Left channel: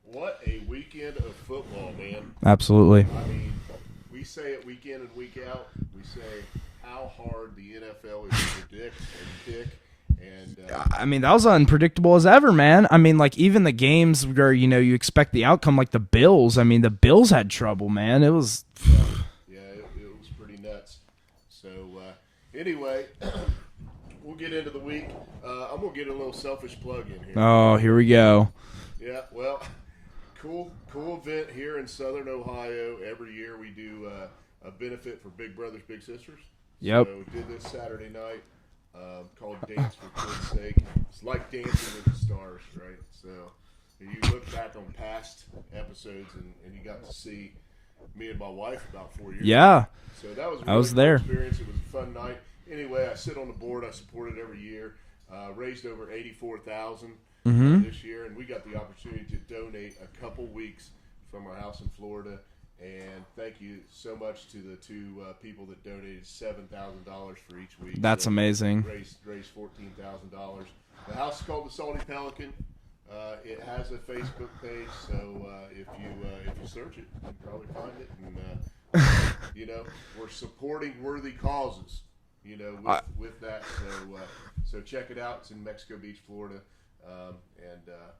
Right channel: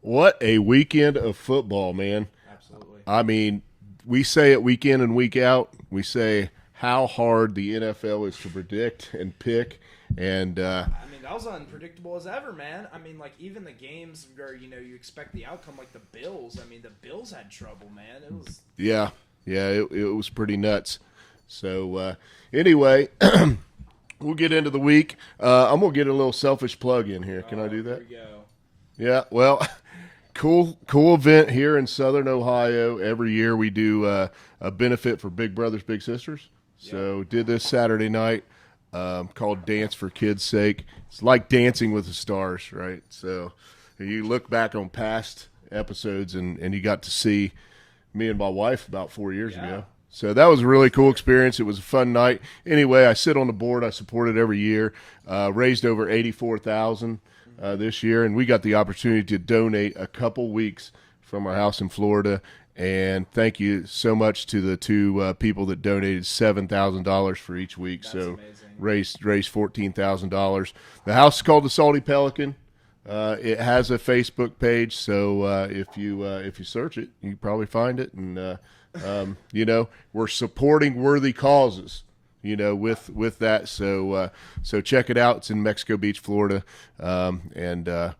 What a weekend of football, man. Absolutely. I mean, we say it week in and week out. We say how hard the NFL is to predict and pick. And I mean, that was unpredictable as ever, man. I mean, like, even the games where, you expect the outcome, like the Bills. I mean, the Bills had trouble, man. It was... yeah, it was pretty nuts. So, anyway, we'll get into the week. I'm going to get a little selfish plug in here. Oh, here we go. Yeah, well, cool event here in Southern Ohio. Every year we do a benefit for Big Brothers Big Sisters. Yep. So did this Saturday night called Dance for Kids' Sake. It's like Dancing with the Stars, right? So you look back on past episodes and you got to see me and my wife about 4 years ago. So that was a really cool experience. It was a fun night. Anyway, I sit on the board. I support it every year. Raised over $84,000 this year, and we got the opportunity to donate a couple weeks from our house in Florida. And thank you so much to the two people that donated $7,000 for each week. That's amazing. Raised $14,000. The house is called the Salty Pelican. It has a Facebook page, so if you search it, you can probably find it. And we're supporting worthy causes. With that. So check it out. It's in Mexico Beach, Florida, and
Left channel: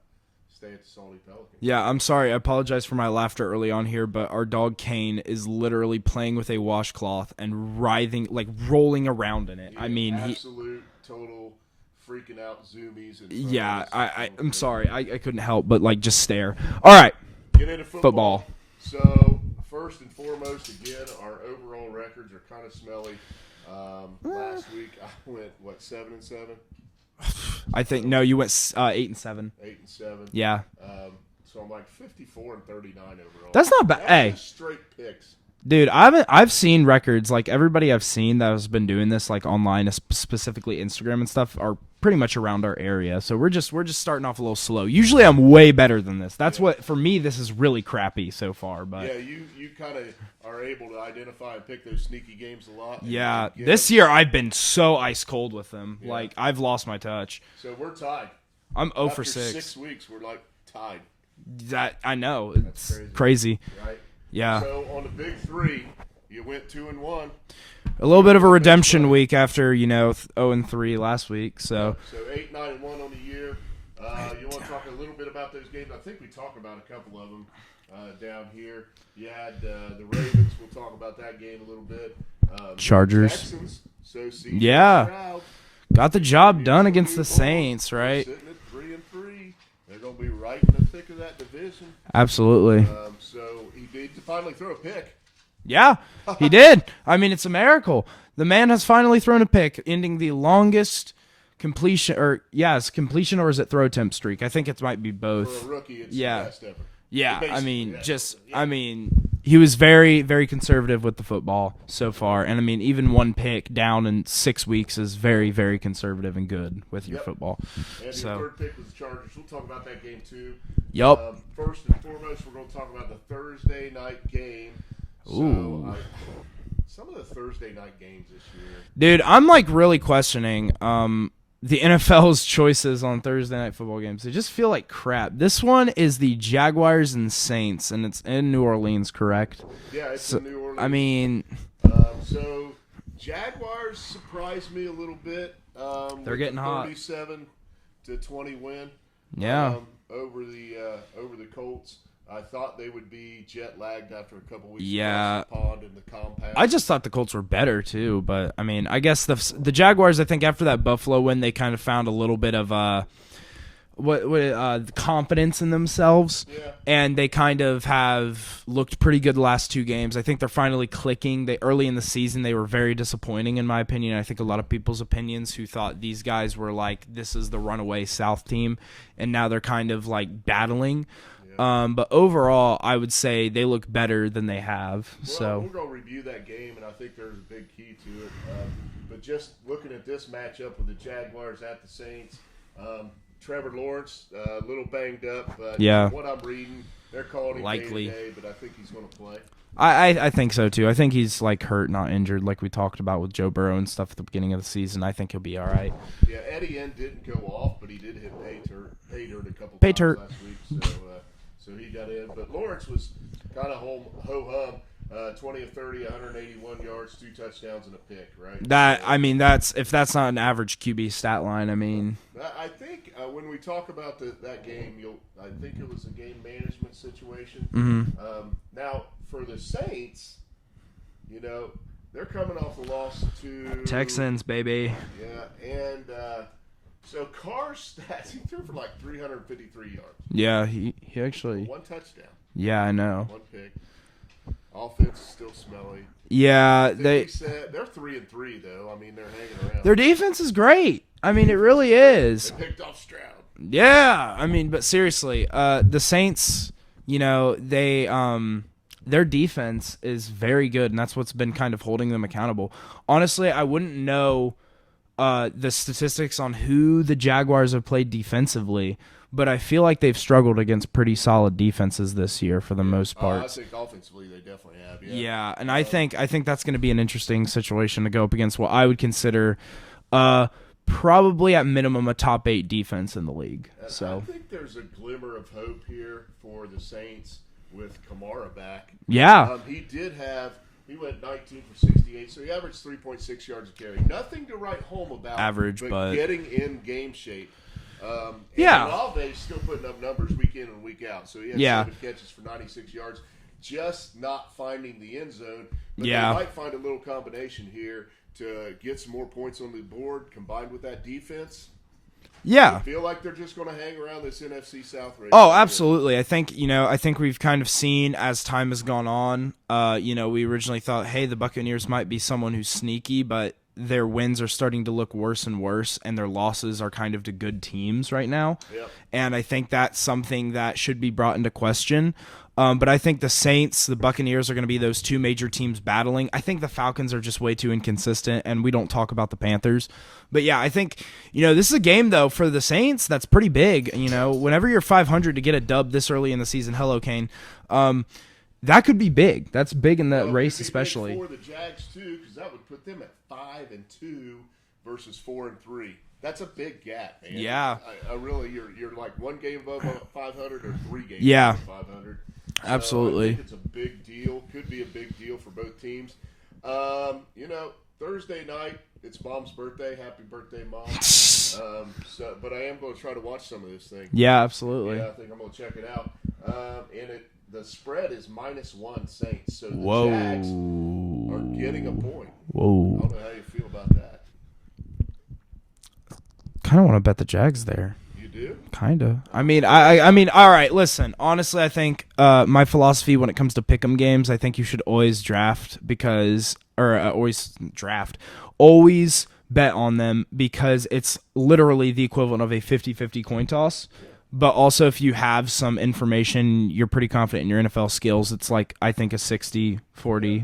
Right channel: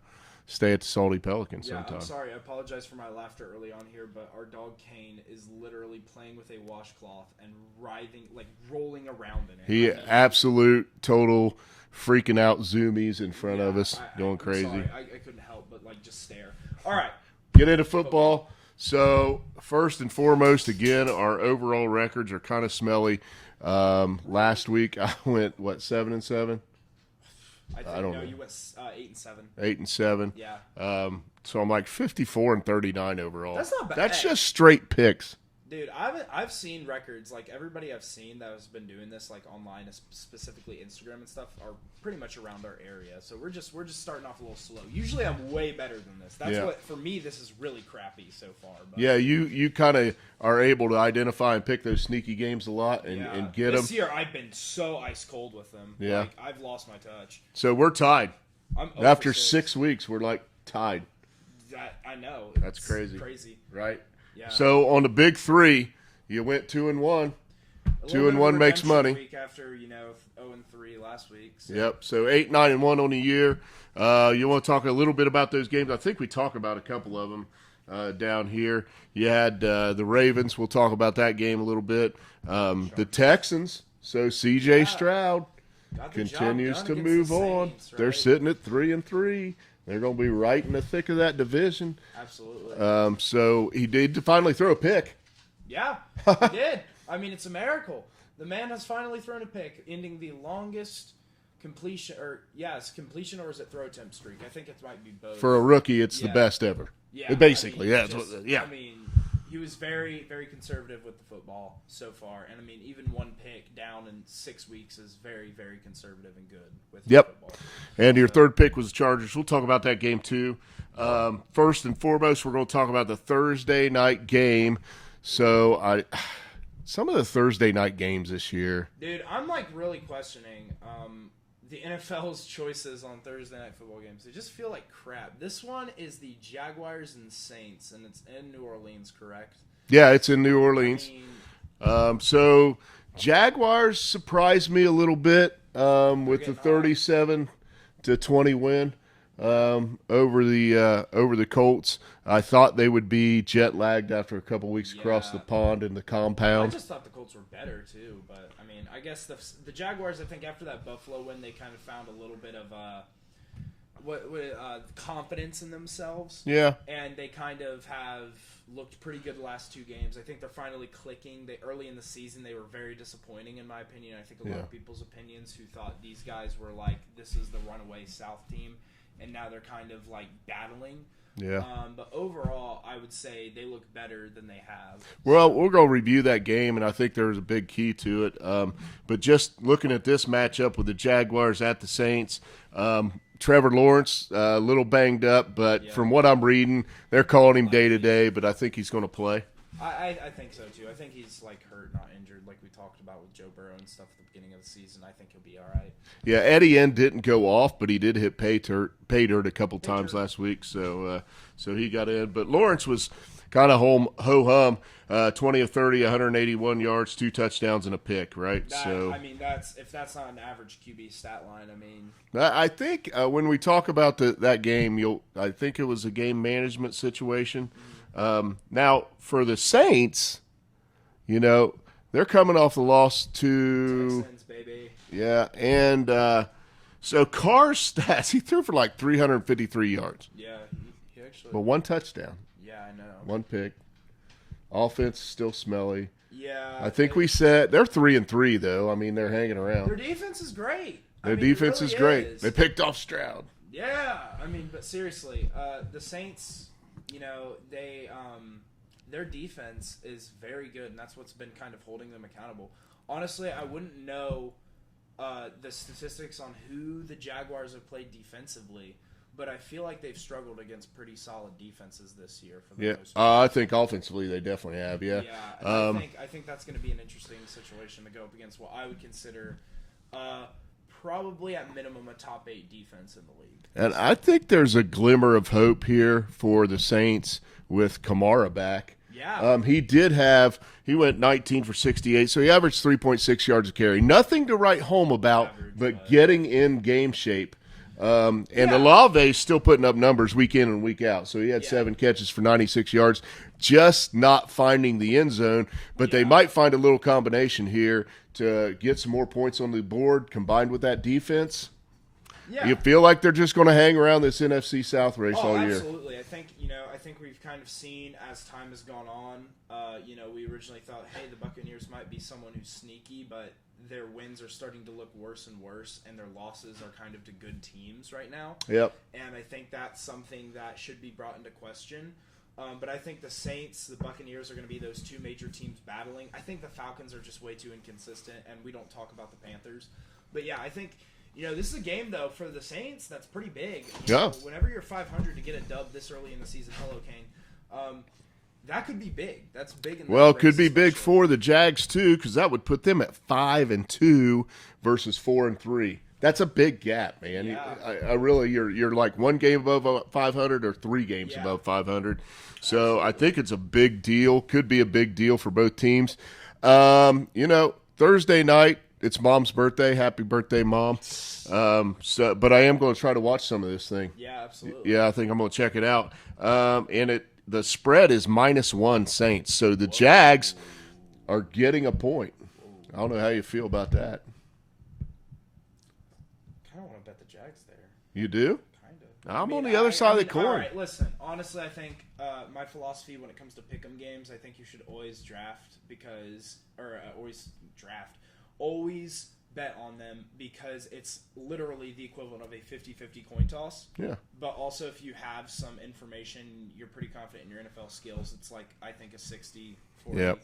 stay at the Salty Pelican. Yeah, I'm sorry. I apologize for my laughter early on here, but our dog Kane is literally playing with a washcloth and writhing, like rolling around in it. Total freaking out zoomies in front of us. I'm sorry. I couldn't help but just stare. All right. Get into football. So first and foremost, again, our overall records are kind of smelly. Last week I went 7-7. I think you went 8-7. 8-7. Yeah. So I'm like 54-39 overall. That's not bad. That's just straight picks. Dude, I've seen records, like everybody I've seen that has been doing this like online, specifically Instagram and stuff, are pretty much around our area. So we're just starting off a little slow. Usually I'm way better than this. That's what, for me, this is really crappy so far. But yeah, you kind of are able to identify and pick those sneaky games a lot. And this year I've been so ice cold with them. Yeah. Like, I've lost my touch. So we're tied. I'm 0 After for 6. 6 weeks, we're like tied. That I know. That's crazy. Right. Yeah. So on the big three, you went 2-1. A little bit of a redemption week after 0-3 last week. So yep. So 8-9-1 on the year. You want to talk a little bit about those games? I think we talked about a couple of them down here. You had the Ravens. We'll talk about that game a little bit. Chargers. The Texans. So C.J. Stroud got the job done against the Saints, right? They're sitting at 3-3. They're going to be right in the thick of that division. Absolutely. So he did finally throw a pick. Yeah, he did. I mean, it's a miracle. The man has finally thrown a pick, ending the longest completion, or is it throw attempt streak? I think it might be both. For a rookie, it's the best ever. Yeah, basically. I mean, he was very, very conservative with the football so far, and I mean, even one pick down in 6 weeks is very, very conservative and good with your football. And your third pick was the Chargers. We'll talk about that game too. Yep. First and foremost, we're going to talk about the Thursday night game. So some of the Thursday night games this year, dude, I'm like really questioning the NFL's choices on Thursday night football games. They just feel like crap. This one is the Jaguars and Saints, and it's in New Orleans, correct? Yeah, it's in New Orleans. I mean, so Jaguars surprised me a little bit with the 37-20 win over the Colts. I thought they would be jet lagged after a couple weeks across the pond in the compound. I just thought the Colts were better too, but I mean, I guess the Jaguars. I think after that Buffalo win, they kind of found a little bit of confidence in themselves. Yeah, and they kind of have looked pretty good the last 2 games. I think they're finally clicking. Early in the season, they were very disappointing in my opinion. I think a lot of people's opinions who thought these guys were like, this is the runaway South team, and now they're kind of like battling. Yeah. But overall, I would say they look better than they have. Well, we're going to review that game, and I think there's a big key to it. But just looking at this matchup with the Jaguars at the Saints, Trevor Lawrence, a little banged up, but from what I'm reading, they're calling him day-to-day, but I think he's going to play. I think so, too. I think he's, like, hurt, not injured, like we talked about with Joe Burrow and stuff at the beginning of the season. I think he'll be all right. Yeah, Etienne didn't go off, but he did hit pay dirt a couple times last week, so so he got in. But Lawrence was kind of ho-hum. 20 of 30, 181 yards, 2 touchdowns, and a pick, right? That's if that's not an average QB stat line. I mean, I think when we talk about that game, I think it was a game management situation. Mm-hmm. Now, for the Saints, they're coming off the loss to Texans, baby. Yeah, and so Carr's stats, he threw for like 353 yards. Yeah, he actually. For 1 touchdown. Yeah, I know. 1 pick. Offense is still smelly. Yeah, I think we said they're 3-3 though. I mean, they're hanging around. Their defense is great. Their I mean, it really is. They picked off Stroud. Yeah, I mean, but seriously, the Saints, they their defense is very good, and that's what's been kind of holding them accountable. Honestly, I wouldn't know the statistics on who the Jaguars have played defensively, but I feel like they've struggled against pretty solid defenses this year for the most part. I think offensively they definitely have. Yeah. Yeah, and I think that's going to be an interesting situation to go up against what I would consider probably at minimum a top 8 defense in the league. And I think there's a glimmer of hope here for the Saints with Kamara back. Yeah. He went 19 for 68, so he averaged 3.6 yards a carry. Nothing to write home about, but getting in game shape. Olave's still putting up numbers week in and week out. So he had 7 catches for 96 yards, just not finding the end zone. But they might find a little combination here to get some more points on the board combined with that defense. Yeah. You feel like they're just going to hang around this NFC South race? Oh, absolutely. I think we've kind of seen as time has gone on, we originally thought, hey, the Buccaneers might be someone who's sneaky, but their wins are starting to look worse and worse, and their losses are kind of to good teams right now. Yep. And I think that's something that should be brought into question. But I think the Saints, the Buccaneers are going to be those 2 major teams battling. I think the Falcons are just way too inconsistent, and we don't talk about the Panthers. But, yeah, I think, this is a game, though, for the Saints that's pretty big. Whenever you're 500 to get a dub this early in the season, hello, Kane, that could be big. That's big in the race. Well, it could be especially big for the Jags, too, because that would put them at 5-2 versus 4-3. That's a big gap, man. Yeah. I really, you're like 1 game above 500 or 3 games above 500. So absolutely. I think it's a big deal. Could be a big deal for both teams. Thursday night, it's Mom's birthday. Happy birthday, Mom. But I am going to try to watch some of this thing. Yeah, absolutely. Yeah, I think I'm going to check it out. The spread is -1 Saints. So the Jags are getting a point. Whoa. I don't know how you feel about that. Kind of want to bet the Jags there. You do? Kind of. I mean, all right, listen. Honestly, I think my philosophy when it comes to pick'em games, I think you should always always bet on them because it's literally the equivalent of a 50-50 coin toss. Yeah. But also if you have some information, you're pretty confident in your NFL skills, it's like I think a 60-40,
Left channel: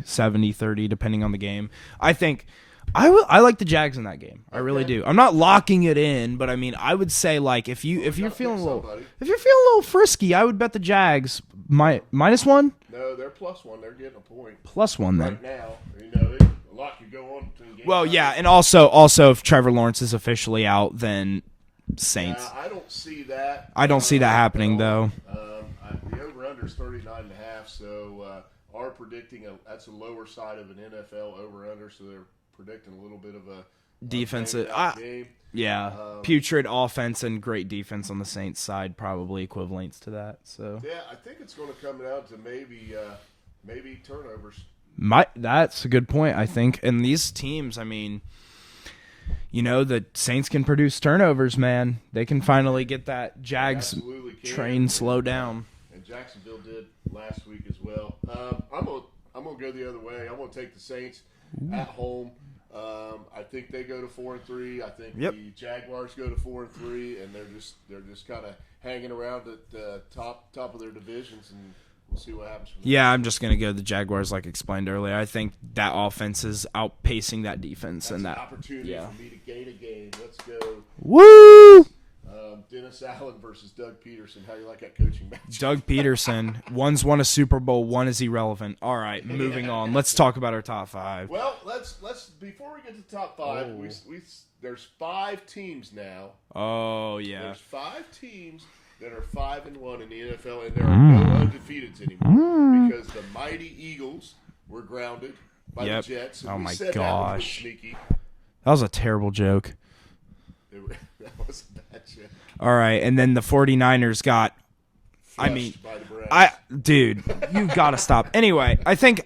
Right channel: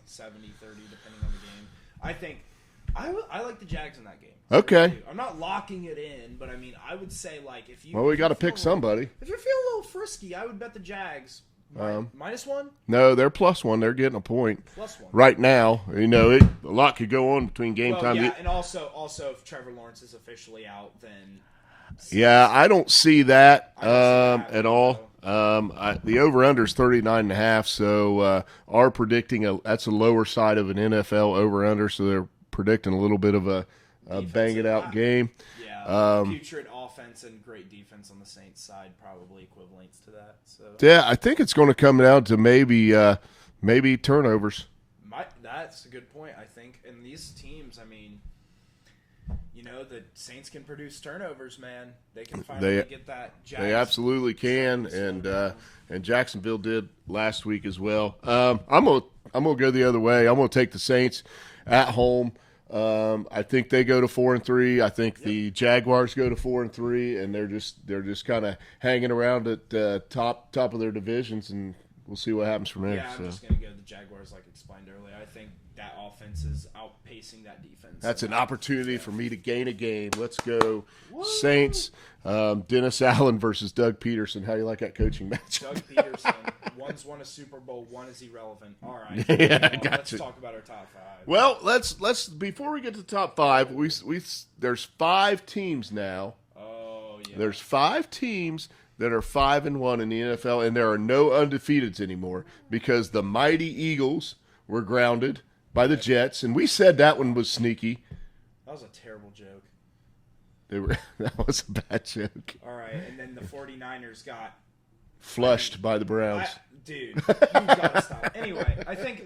70-30 depending on the game. I think I like the Jags in that game. I really do. I'm not locking it in, but I mean, I would say like if you got to pick somebody. If you're feeling a little frisky, I would bet the Jags -1. No, they're +1. They're getting a point. +1 right now. A lot could go on between game time. Well, yeah, and also if Trevor Lawrence is officially out, then Saints. Yeah, I don't see that. I don't see that happening though. The over/under is 39.5, so are predicting that's a lower side of an NFL over/under, so they're predicting a little bit of a defensive out game. Yeah, putrid offense and great defense on the Saints side probably equivalents to that. So yeah, I think it's going to come down to maybe turnovers. That's a good point, I think. And these teams, I mean, the Saints can produce turnovers, man. They can finally get that Jags they absolutely can train slow down. And Jacksonville did last week as well. I'm gonna go the other way. I'm gonna take the Saints at home. I think they go to 4-3. I think the Jaguars go to 4-3, and they're just kind of hanging around at the top of their divisions, and we'll see what happens from there. Yeah, I'm just gonna go the Jaguars, like explained earlier. I think that offense is outpacing that defense. That's an opportunity for me to gain a game. Let's go, Woo! Saints. Dennis Allen versus Doug Peterson. How do you like that coaching match? Doug Peterson. One's won a Super Bowl. One is irrelevant. All right, moving on. Let's talk about our top 5. Well, let's before we get to the top 5, we there's 5 teams now. Oh yeah. There's 5 teams, that are 5-1 in the NFL, and there are no undefeateds anymore because the mighty Eagles were grounded by the Jets, and we said that one was sneaky. That was a terrible joke. That was a bad joke. All right, and then the 49ers got Flushed by the Browns. Dude, you gotta stop. Anyway, I think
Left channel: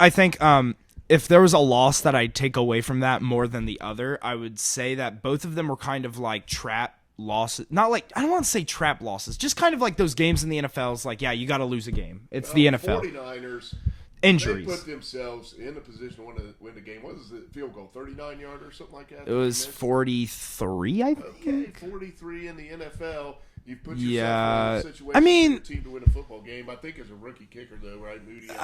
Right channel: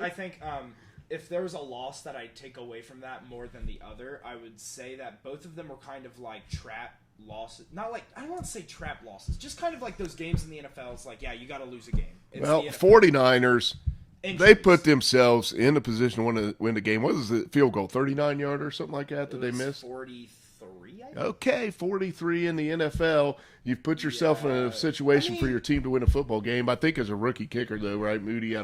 if there was a loss that I'd take away from that more than the other, I would say that both of them were kind of like trap losses. Not like, I don't want to say trap losses, just kind of like those games in the NFL. It's like, yeah, you got to lose a game. It's the NFL. 49ers, Injuries. they put themselves in a position to win the game. What was the field goal? 39-yard or something like that? It was 43, I think. Okay, 43 in the NFL. You've put yourself in a situation for your team to win a football game. I think as a rookie kicker, though, right, Moody?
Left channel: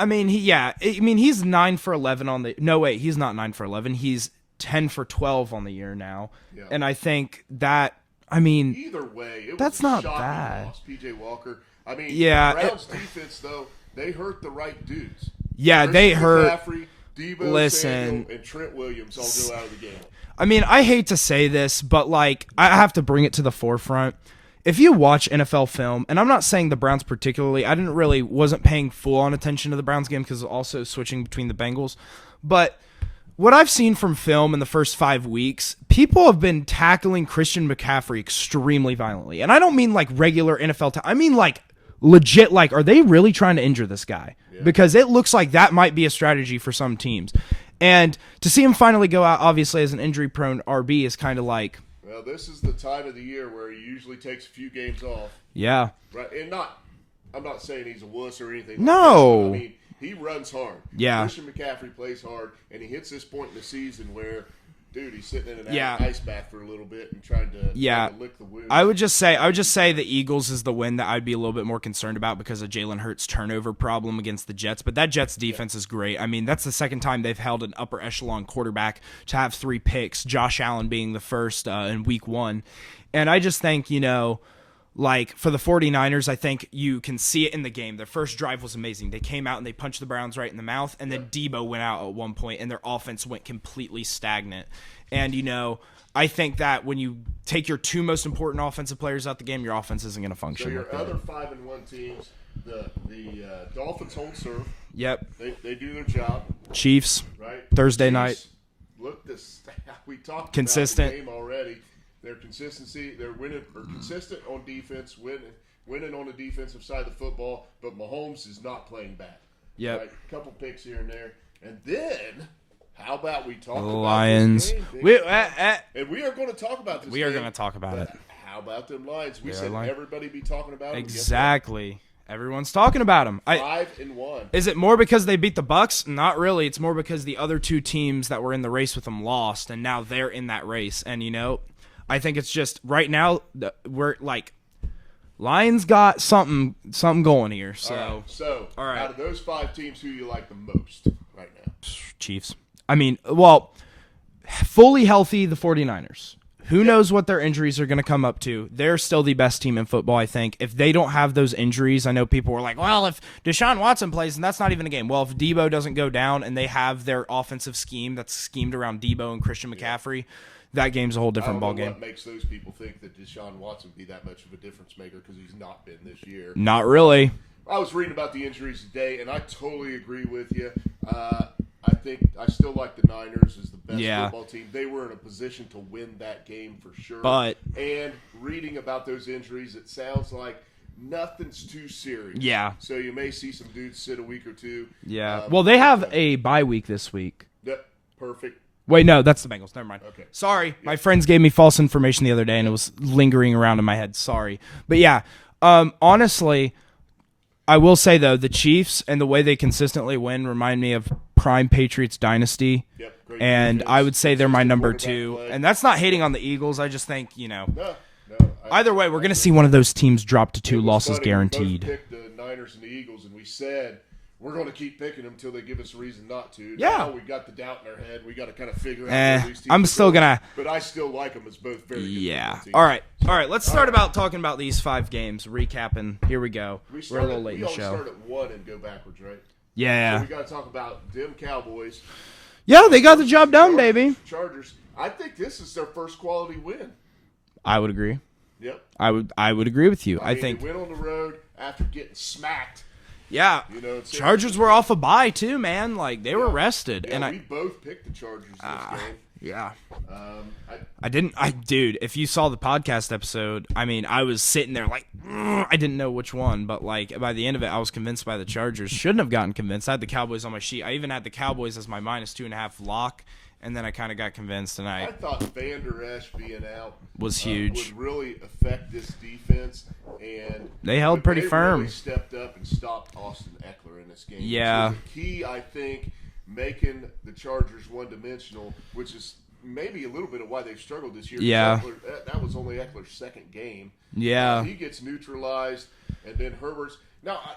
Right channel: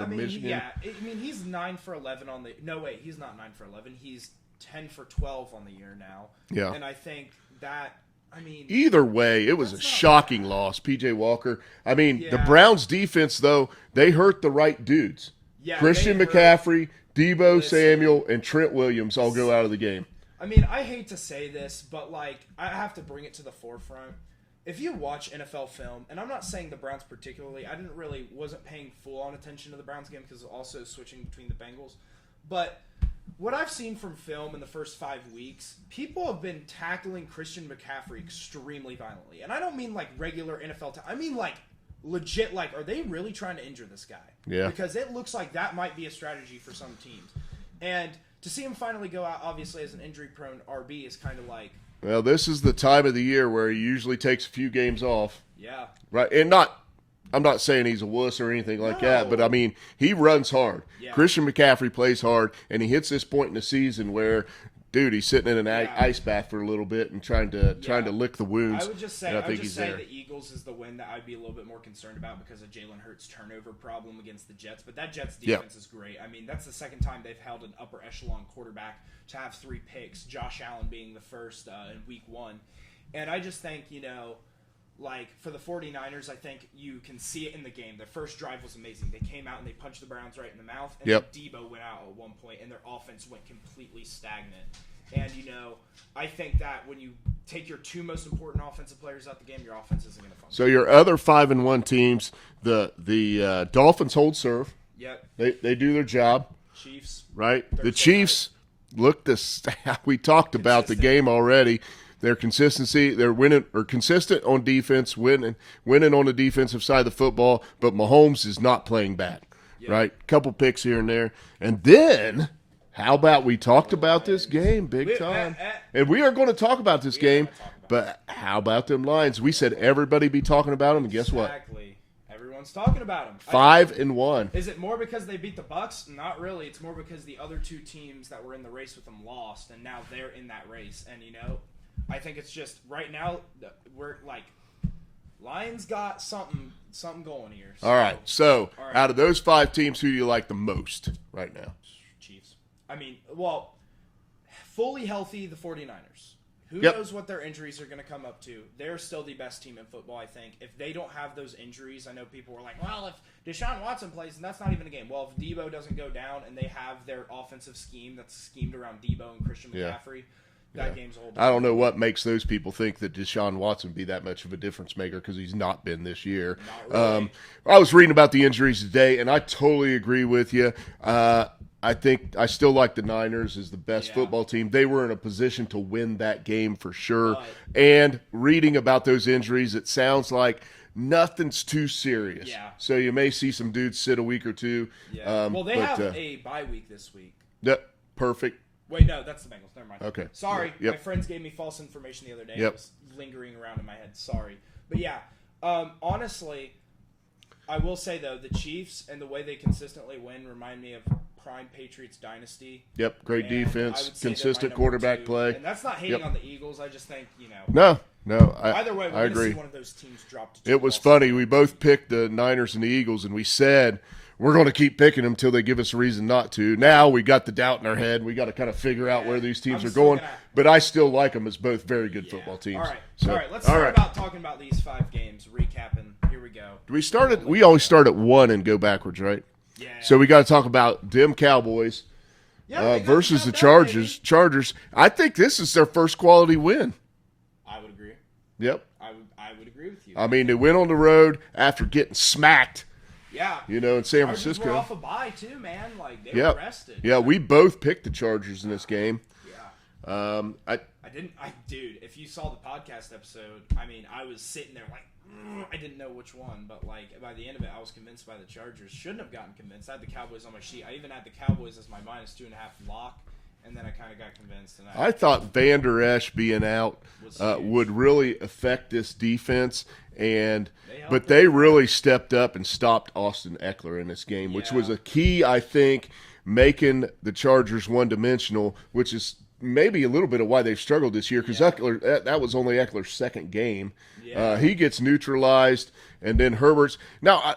He's 9 for 11 on the. No, wait, he's not 9 for 11. He's 10 for 12 on the year now. Yeah, and I think that. Either way, it was a shocking loss. PJ Walker. The Browns defense, though, they hurt the right dudes. Yeah, Christian they hurt McCaffrey, Deebo Samuel, and Trent Williams all go out of the game. I hate to say this, but I have to bring it to the forefront. If you watch NFL film, and I'm not saying the Browns particularly, wasn't paying full-on attention to the Browns game because also switching between the Bengals, but what I've seen from film in the first 5 weeks, people have been tackling Christian McCaffrey extremely violently. And I don't mean like regular NFL I mean like legit, are they really trying to injure this guy? Yeah. Because it looks like that might be a strategy for some teams. And to see him finally go out, obviously, as an injury-prone RB is kind of like... Well, this is the time of the year where he usually takes a few games off. Yeah. Right, and I'm not saying he's a wuss or anything like that, but he runs hard. Yeah. Christian McCaffrey plays hard, and he hits this point in the season where, dude, he's sitting in an ice bath for a little bit and trying to lick the wounds. I would just say the Eagles is the win that I'd be a little bit more concerned about because of Jalen Hurts' turnover problem against the Jets. But that Jets defense is great. That's the second time they've held an upper echelon quarterback to have 3 picks, Josh Allen being the first in week 1. And I just think, for the 49ers, I think you can see it in the game. Their first drive was amazing. They came out and they punched the Browns right in the mouth, and then Deebo went out at one point, and their offense went completely stagnant. And, I think that when you take your 2 most important offensive players out the game, your offense isn't going to function. So your other 5-1 teams, the Dolphins hold serve. Yep. They do their job. Chiefs. Right. Thursday the Chiefs, look, we talked about the game already. Their consistency, they're winning or consistent on defense, winning on the defensive side of the football, but Mahomes is not playing bad. Yep. Right? Couple picks here and there. And then, how about we talk about this game big time? And we are going to talk about this game. We are going to talk about it. But how about them Lions? We said everybody be talking about them. Exactly. And guess what? Everyone's talking about them. 5-1. Is it more because they beat the Bucs? Not really. It's more because the other 2 teams that were in the race with them lost, and now they're in that race. And, I think it's just right now we're Lions got something going here. So. All right. So out of those 5 teams, who do you like the most right now? Chiefs. Fully healthy, the 49ers. Who knows what their injuries are going to come up to? They're still the best team in football, I think. If they don't have those injuries, I know people were like, well, if Deshaun Watson plays, and that's not even a game. Well, if Deebo doesn't go down and they have their offensive scheme that's schemed around Deebo and Christian McCaffrey, that game's a whole different ballgame. I don't know what makes those people think that Deshaun Watson be that much of a difference maker because he's not been this year. Not really. I was reading about the injuries today, and I totally agree with you. I think I still like the Niners as the best football team. They were in a position to win that game for sure. And reading about those injuries, it sounds like nothing's too serious. Yeah. So you may see some dudes sit a week or two. Yeah. They have a bye week this week. Perfect. Wait, no, that's the Bengals. Never mind. Okay. Sorry. Yep. My friends gave me false information the other day, and it was lingering around in my head. Sorry. But, yeah, honestly, I will say, though, the Chiefs and the way they consistently win remind me of prime Patriots dynasty. Yep, great and defense. I would say they're my number 2. Play. And that's not hating on the Eagles. I just think, No. Either way, we're going to see one of those teams drop to 2 losses funny. Guaranteed. We both picked the Niners and the Eagles, and we said – we're going to keep picking them until they give us a reason not to. Yeah. Now we got the doubt in our head. We got to kind of figure out where these teams I'm are still going. But I still like them as both very good football teams. All right. Let's start about talking about these 5 games. Recapping. Here we go. We always start at 1 and go backwards, right? Yeah. So we got to talk about them Cowboys. Yeah, they got the job done, baby. Chargers. I think this is their first quality win. I would agree. Yep. I would agree with you. I mean, think, they went on the road after getting smacked. Yeah. You know, in San Chargers Francisco. were off a bye too, man. Like they were rested. Yeah, we both picked the Chargers in this game. Yeah. I dude, if you saw the podcast episode, I mean, I was sitting there like, I didn't know which one, but like by the end of it, I was convinced by the Chargers. Shouldn't have gotten convinced. I had the Cowboys on my sheet. I even had the Cowboys as my -2.5 lock, and then I kind of got convinced. And I thought Van Der Esch being out was huge. Would really affect this defense. And they held but pretty they firm. really stepped up and stopped Austin Eckler in this game, which was a key, I think, making the Chargers one-dimensional, which is maybe a little bit of why they've struggled this year. Yeah. Eckler, that was only Eckler's second game. Yeah. He gets neutralized, and then Herbert's – now,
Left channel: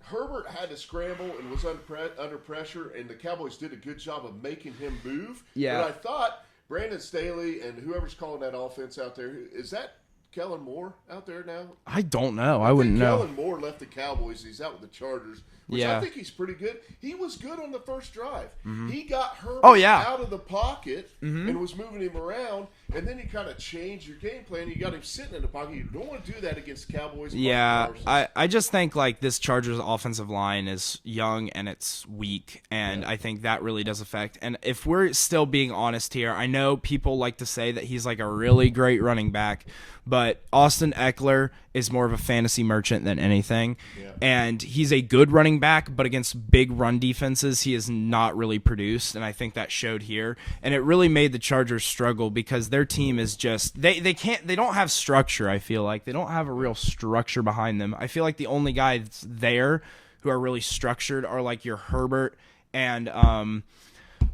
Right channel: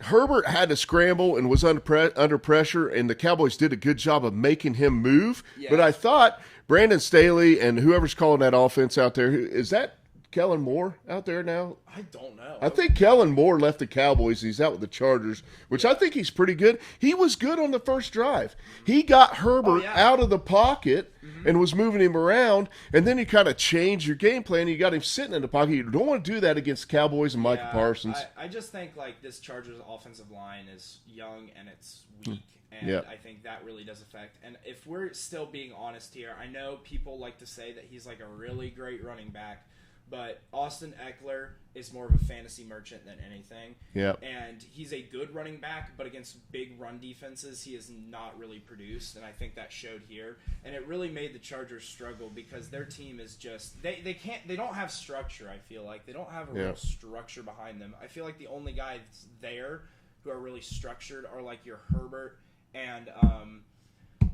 Herbert had to scramble and was under pressure, and the Cowboys did a good job of making him move. Yeah. But I thought Brandon Staley and whoever's calling that offense out there, is that Kellen Moore out there now? I don't know. I think Kellen Moore left the Cowboys. He's out with the Chargers, which I think he's pretty good. He was good on the first drive. Mm-hmm. He got Herbert out of the pocket and was moving him around, and then you kind of change your game plan. You got him sitting in the pocket. You don't want to do that against Cowboys and Mike Parsons. I just think like this Chargers offensive line is young and it's weak, and I think that really does affect. And if we're still being honest here, I know people like to say that he's like a really great running back, but Austin Eckler is more of a fantasy merchant than anything. Yeah. And he's a good running back, but against big run defenses, he has not really produced, and I think that showed here. And it really made the Chargers struggle because their team is just they don't have structure, I feel like. They don't have a real structure behind them. I feel like the only guys there who are really structured are like your Herbert and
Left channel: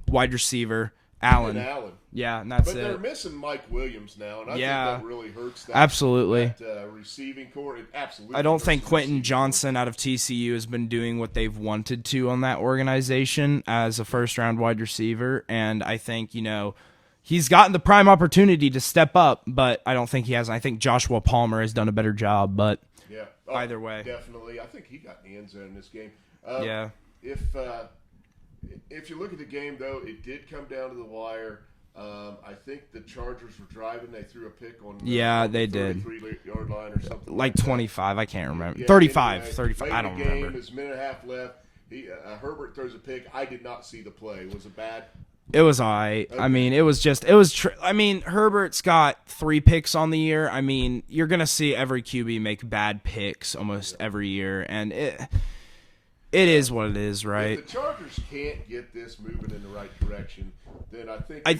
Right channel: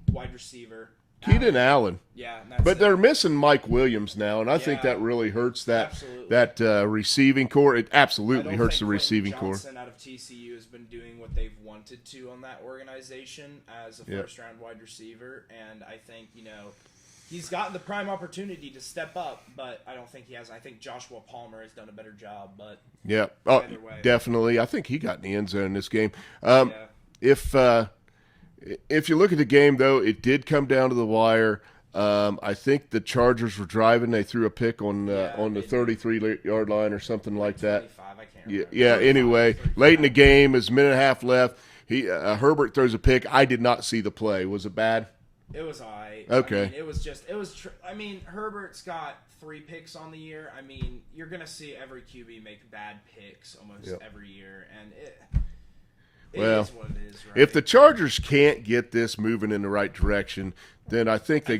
wide receiver Allen. Yeah, and that's but they're missing Mike Williams now, and I think that really hurts that receiving core. It absolutely. I don't hurts think the Quentin Johnson out of TCU has been doing what they've wanted to on that organization as a first-round wide receiver, and I think he's gotten the prime opportunity to step up, but I don't think he has. I think Joshua Palmer has done a better job, but either way, definitely. I think he got in the end zone in this game. If you look at the game, though, it did come down to the wire. I think the Chargers were driving. They threw a pick on the 33-yard line or something like that. 25, I can't remember. Yeah, 35, anyway, 35, late in the game, there's a minute and a half left. Herbert throws a pick. I did not see the play. Was it bad? It was all right. Okay. I mean, Herbert's got 3 picks on the year. I mean, you're going to see every QB make bad picks almost every year, and it is what it is, right? If the Chargers can't get this moving in the right direction, then I think they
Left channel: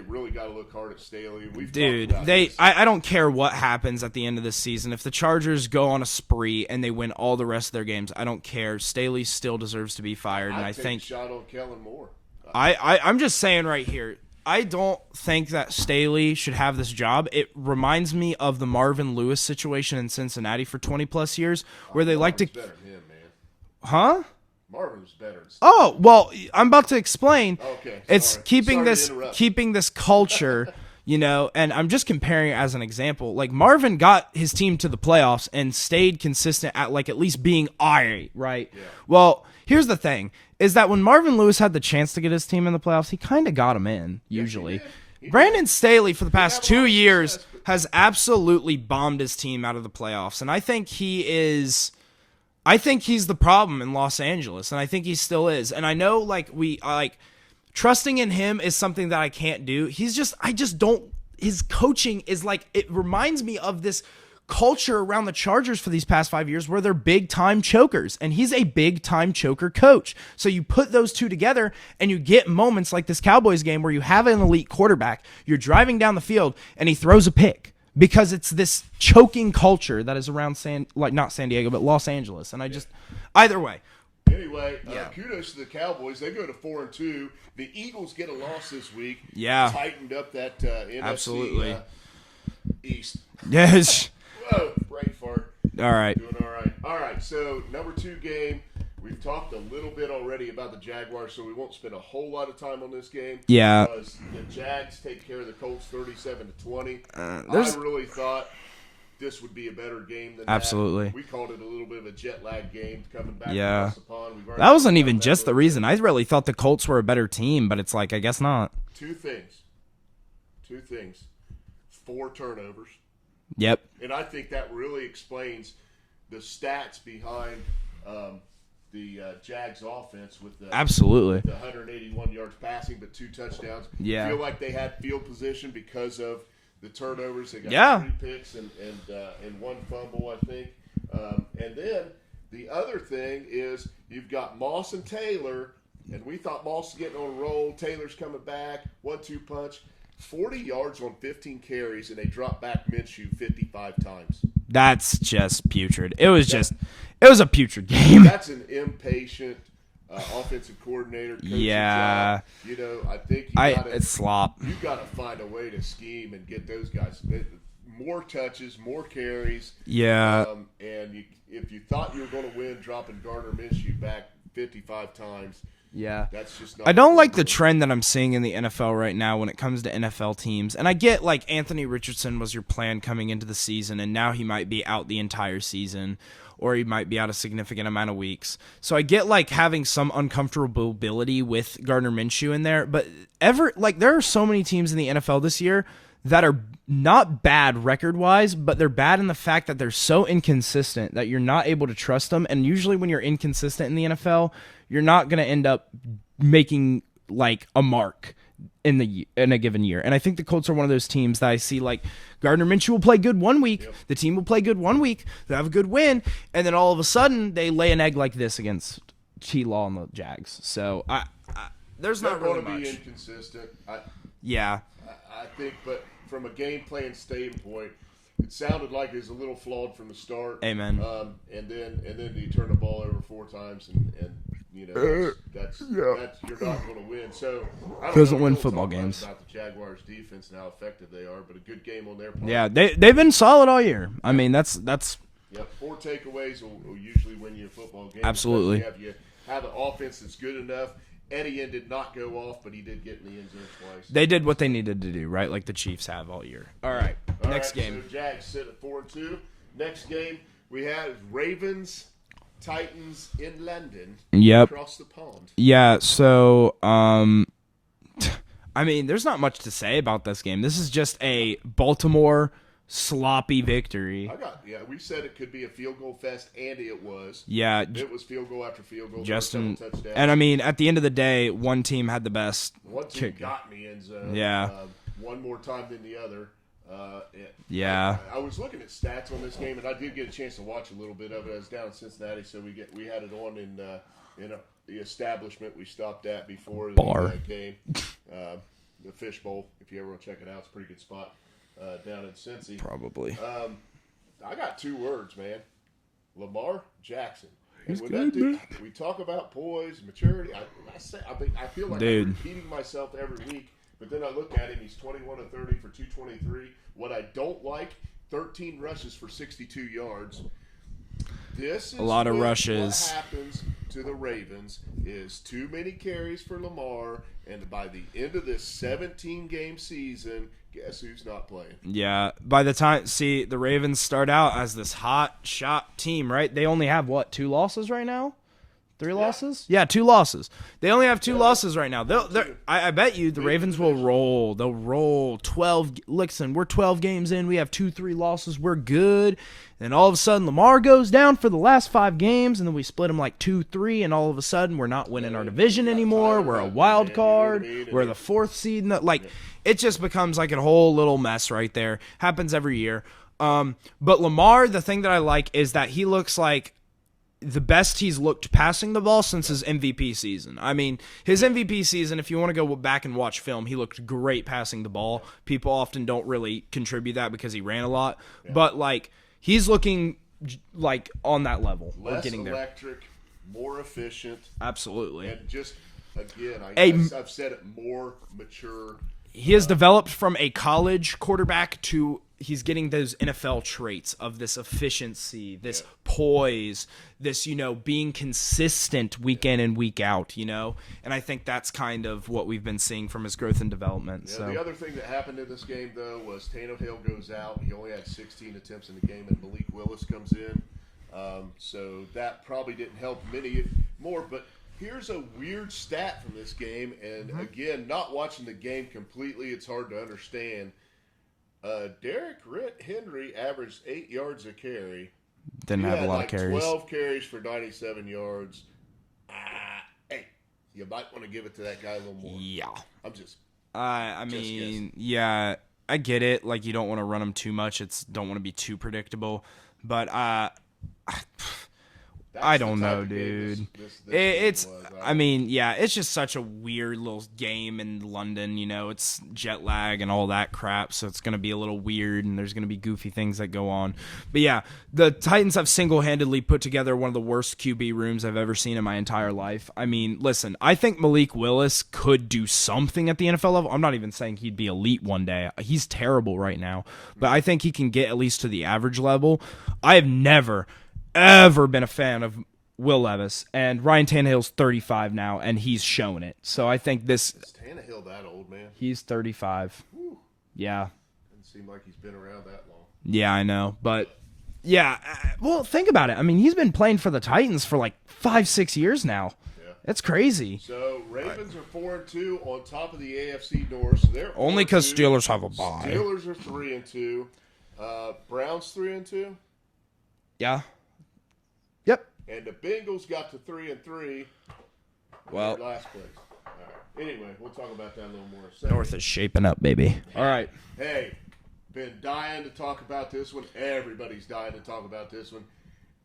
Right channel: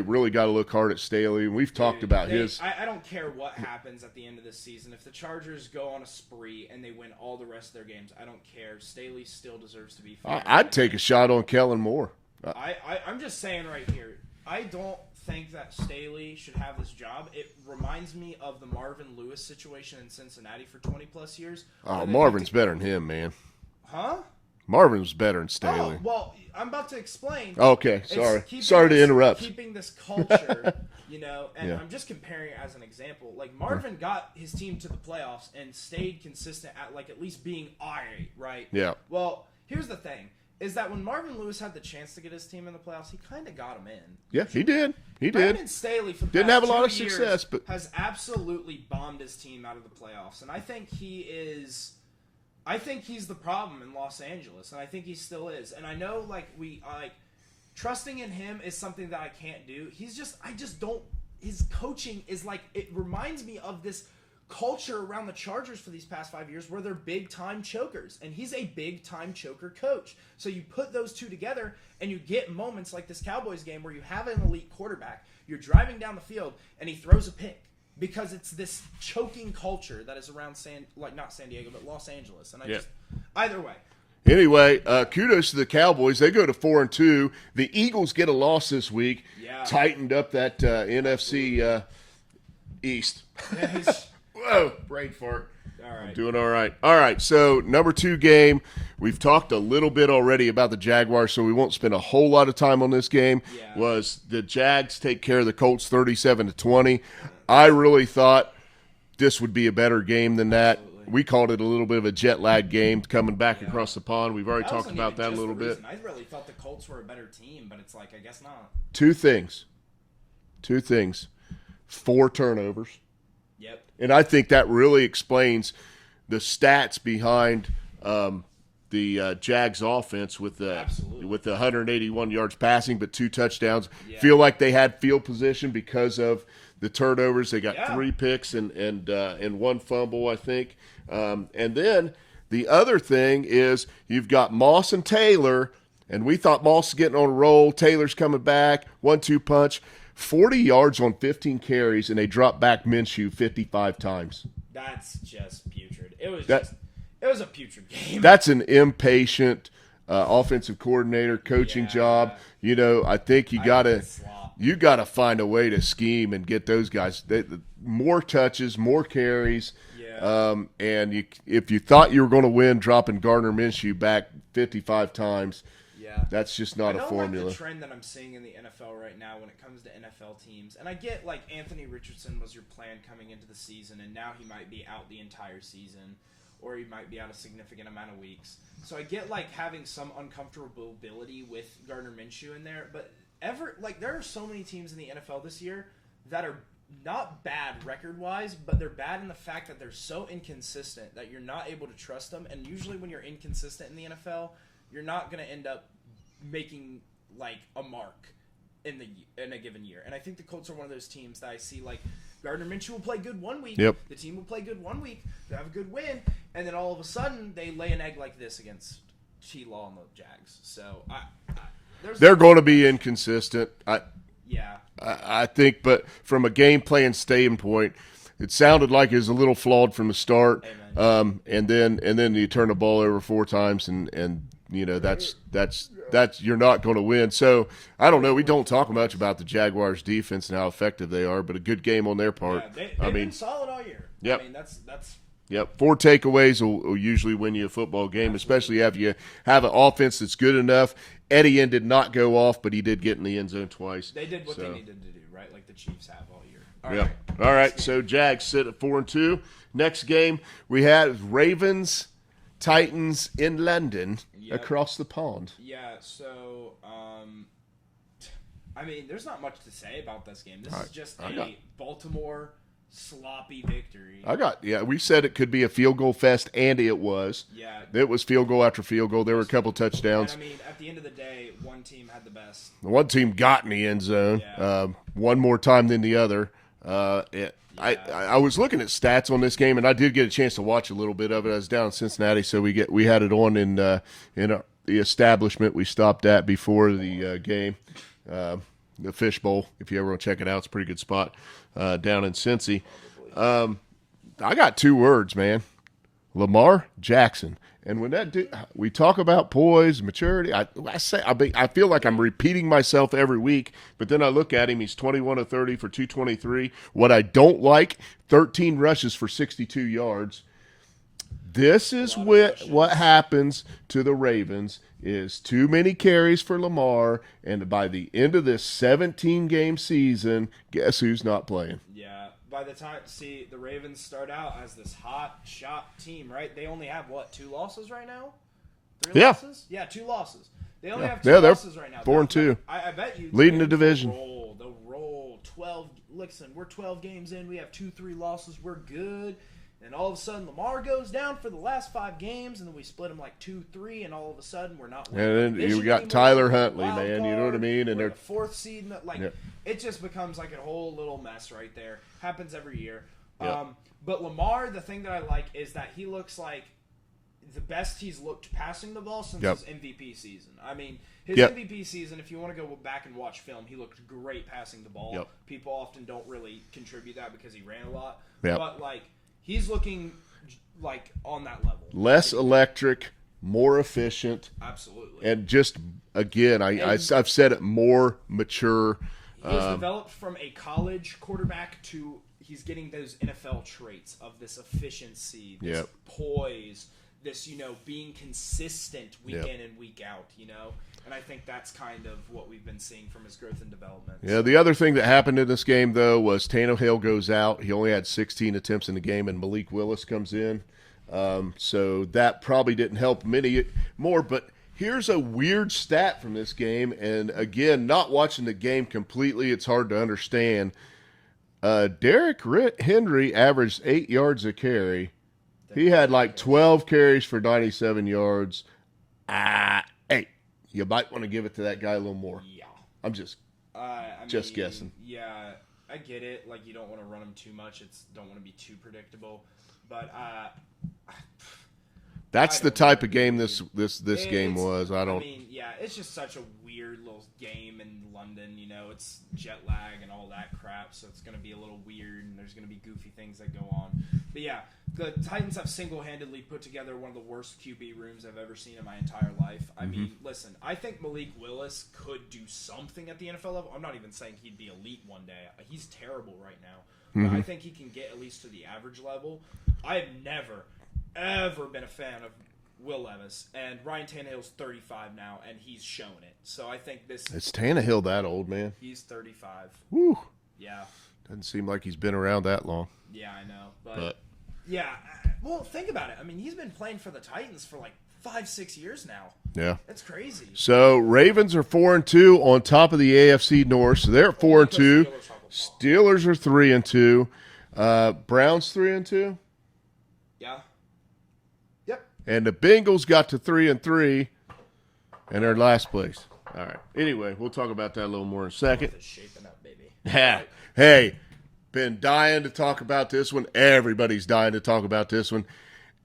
really got to look hard at Staley. And we've talked about this. I don't care what happens at the end of this season. If the Chargers go on a spree and they win all the rest of their games, I don't care. Staley still deserves to be fired. I'd take a shot on Kellen Moore. I'm just saying right here, I don't think that Staley should have this job. It reminds me of the Marvin Lewis situation in Cincinnati for 20-plus years. Where they Marvin's better than him, man. Huh? Marvin was better than Staley. Oh, well, I'm about to explain. Okay, sorry. It's keeping this culture, and I'm just comparing it as an example. Like, Marvin got his team to the playoffs and stayed consistent at least being right? Yeah. Well, here's the thing, is that when Marvin Lewis had the chance to get his team in the playoffs, he kind of got him in, usually. Yeah, he did. Brandon Staley, for the past 2 years, success, has absolutely bombed his team out of the playoffs, and I think he's the problem in Los Angeles, and I think he still is. And I know, trusting in him is something that I can't do. His coaching is it reminds me of this culture around the Chargers for these past 5 years where they're big-time chokers, and he's a big-time choker coach. So you put those two together, and you get moments like this Cowboys game where you have an elite quarterback, you're driving down the field, and he throws a pick. Because it's this choking culture that is around not San Diego, but Los Angeles. And either way. Anyway, kudos to the Cowboys. They go to 4-2. The Eagles get a loss this week. Yeah. Tightened up that NFC East. Yes. Whoa, brain fart. All right. Doing all right. All right, so number 2 game. We've talked a little bit already about the Jaguars, so we won't spend a whole lot of time on this game. Yeah. Was the Jags take care of the Colts 37-20. I really thought this would be a better game than that. Absolutely. We called it a little bit of a jet lag game coming back across the pond. We've already that wasn't talked even about just that the reason. I really thought the Colts were a better team, but it's I guess not. Two things. 4 turnovers. Yep. And I think that really explains the stats behind the Jags offense with the Absolutely. with the 181 yards passing, but 2 touchdowns. Yeah. Feel like they had field position because of the turnovers. They got Yeah. 3 picks and 1 fumble, I think. And then the other thing is you've got Moss and Taylor, and we thought Moss is getting on a roll. Taylor's coming back, 1-2 punch. 40 yards on 15 carries, and they dropped back Minshew 55 times. That's just putrid. It was a putrid game. That's an impatient offensive coordinator coaching job. You know, I think it's slop. You got to find a way to scheme and get those guys more touches, more carries. Yeah. And if you thought you were going to win, dropping Gardner Minshew back 55 times. Yeah. That's just not. I don't like the trend that I'm seeing in the NFL right now when it comes to NFL teams. And I get like Anthony Richardson was your plan coming into the season, and now he might be out the entire season, or he might be out a significant amount of weeks. So I get like having some uncomfortability with Gardner Minshew in there, but there are so many teams in the NFL this year that are not bad record-wise, but they're bad in the fact that they're so inconsistent that you're not able to trust them. And usually when you're inconsistent in the NFL, you're not going to end up making like a mark in a given year. And I think the Colts are one of those teams that I see like Gardner Minshew will play good one week. Yep. The team will play good one week. They'll have a good win. And then all of a sudden they lay an egg like this against T-Law and the Jags. So they're going to be inconsistent. Yeah. I think, but from a game plan standpoint, it sounded like it was a little flawed from the start. Amen. And then you turn the ball over 4 times, and you know that's you're not going to win. So I don't know. We don't talk much about the Jaguars' defense and how effective they are, but a good game on their part. Yeah, they've been solid all year. Yeah. I mean, that's. Yep, 4 takeaways will usually win you a football game, Absolutely. especially if you have an offense that's good enough. Etienne did not go off, but he did get in the end zone twice. They did what they needed to do, right? Like the Chiefs have all year. All right. All right. So Jags sit at 4-2. Next game we had Ravens, Titans in London. Yep. Across the pond. Yeah. So, I mean, there's not much to say about this game. This is just a Baltimore sloppy victory. We said it could be a field goal fest, and it was. Yeah. It was field goal after field goal. There were a couple touchdowns. And, I mean, at the end of the day, one team had the best. One team got in the end zone. Yeah. One more time than the other. I was looking at stats on this game, and I did get a chance to watch a little bit of it. I was down in Cincinnati, so we had it on in the establishment we stopped at before the game, the Fish Bowl. If you ever want to check it out, it's a pretty good spot. Down in Cincy. Probably. I got 2 words, man. Lamar Jackson. And when that dude, we talk about poise, maturity, I feel like I'm repeating myself every week, but then I look at him, he's 21 of 30 for 223. What I don't like, 13 rushes for 62 yards. This is what happens to the Ravens is too many carries for Lamar, and by the end of this 17-game season, guess who's not playing? Yeah. By the time, the Ravens start out as this hot shot team, right? They only have, 2 losses right now? 3 losses? Yeah, 2 losses. They only have 2 losses right now. 4-2. I bet you the Leading Ravens the division. will roll. They'll roll 12. Listen, we're 12 games in. We have 2-3 losses. We're good. And all of a sudden, Lamar goes down for the last 5 games, and then we split them like 2-3, and all of a sudden, we're not winning our division anymore. Tyler we're Huntley, a wild man, card. You know what I mean? We're the 4th seed. It just becomes like a whole little mess right there. Happens every year. But Lamar, the thing that I like is that he looks like the best he's looked passing the ball since his MVP season. I mean, his MVP season, if you want to go back and watch film, he looked great passing the ball. Yep. People often don't really contribute that because he ran a lot. Yep. But, he's looking like on that level. Less electric, more efficient. Absolutely. And just, again, I've said it, more mature. He has developed from a college quarterback to he's getting those NFL traits of this efficiency, this poise, this, being consistent week in and week out, And I think that's kind of what we've been seeing from his growth and development. Yeah, the other thing that happened in this game, though, was Tannehill goes out. He only had 16 attempts in the game, and Malik Willis comes in. So that probably didn't help many more. But here's a weird stat from this game. And, again, not watching the game completely, it's hard to understand. Derrick Henry averaged 8 yards a carry. Didn't He have a had lot of like carries. 12 carries for 97 yards. Hey, you might want to give it to that guy a little more. Yeah. I'm just I Just mean, guessing. yeah, I get it. Like, you don't want to run them too much. Don't want to be too predictable. But that's I the don't type know, of game dude. this game was. I mean, yeah, it's just such a weird little game in London. You know, it's jet lag and all that crap, so it's going to be a little weird, and there's going to be goofy things that go on. But yeah, the Titans have single-handedly put together one of the worst QB rooms I've ever seen in my entire life. I mean, listen, I think Malik Willis could do something at the NFL level. I'm not even saying he'd be elite one day. He's terrible right now, but I think he can get at least to the average level. I have never ever been a fan of Will Levis, and Ryan Tannehill's 35 now, and he's showing it. So I think is Tannehill that old, man? he's 35. Whew. Yeah. Doesn't seem like he's been around that long. Yeah, I know. But yeah, well, think about it. I mean, he's been playing for the Titans for like 5-6 years now. Yeah. It's crazy. So Ravens are 4-2 on top of the AFC North. So they're 4-2. Only because Steelers have a bye. Steelers are 3-2. Browns 3-2. Yeah. Yep. And the Bengals got to 3-3 and they're in last place. All right. Anyway, we'll talk about that a little more in a second. North is shaping up, baby. All right. Hey, been dying to talk about this one. Everybody's dying to talk about this one.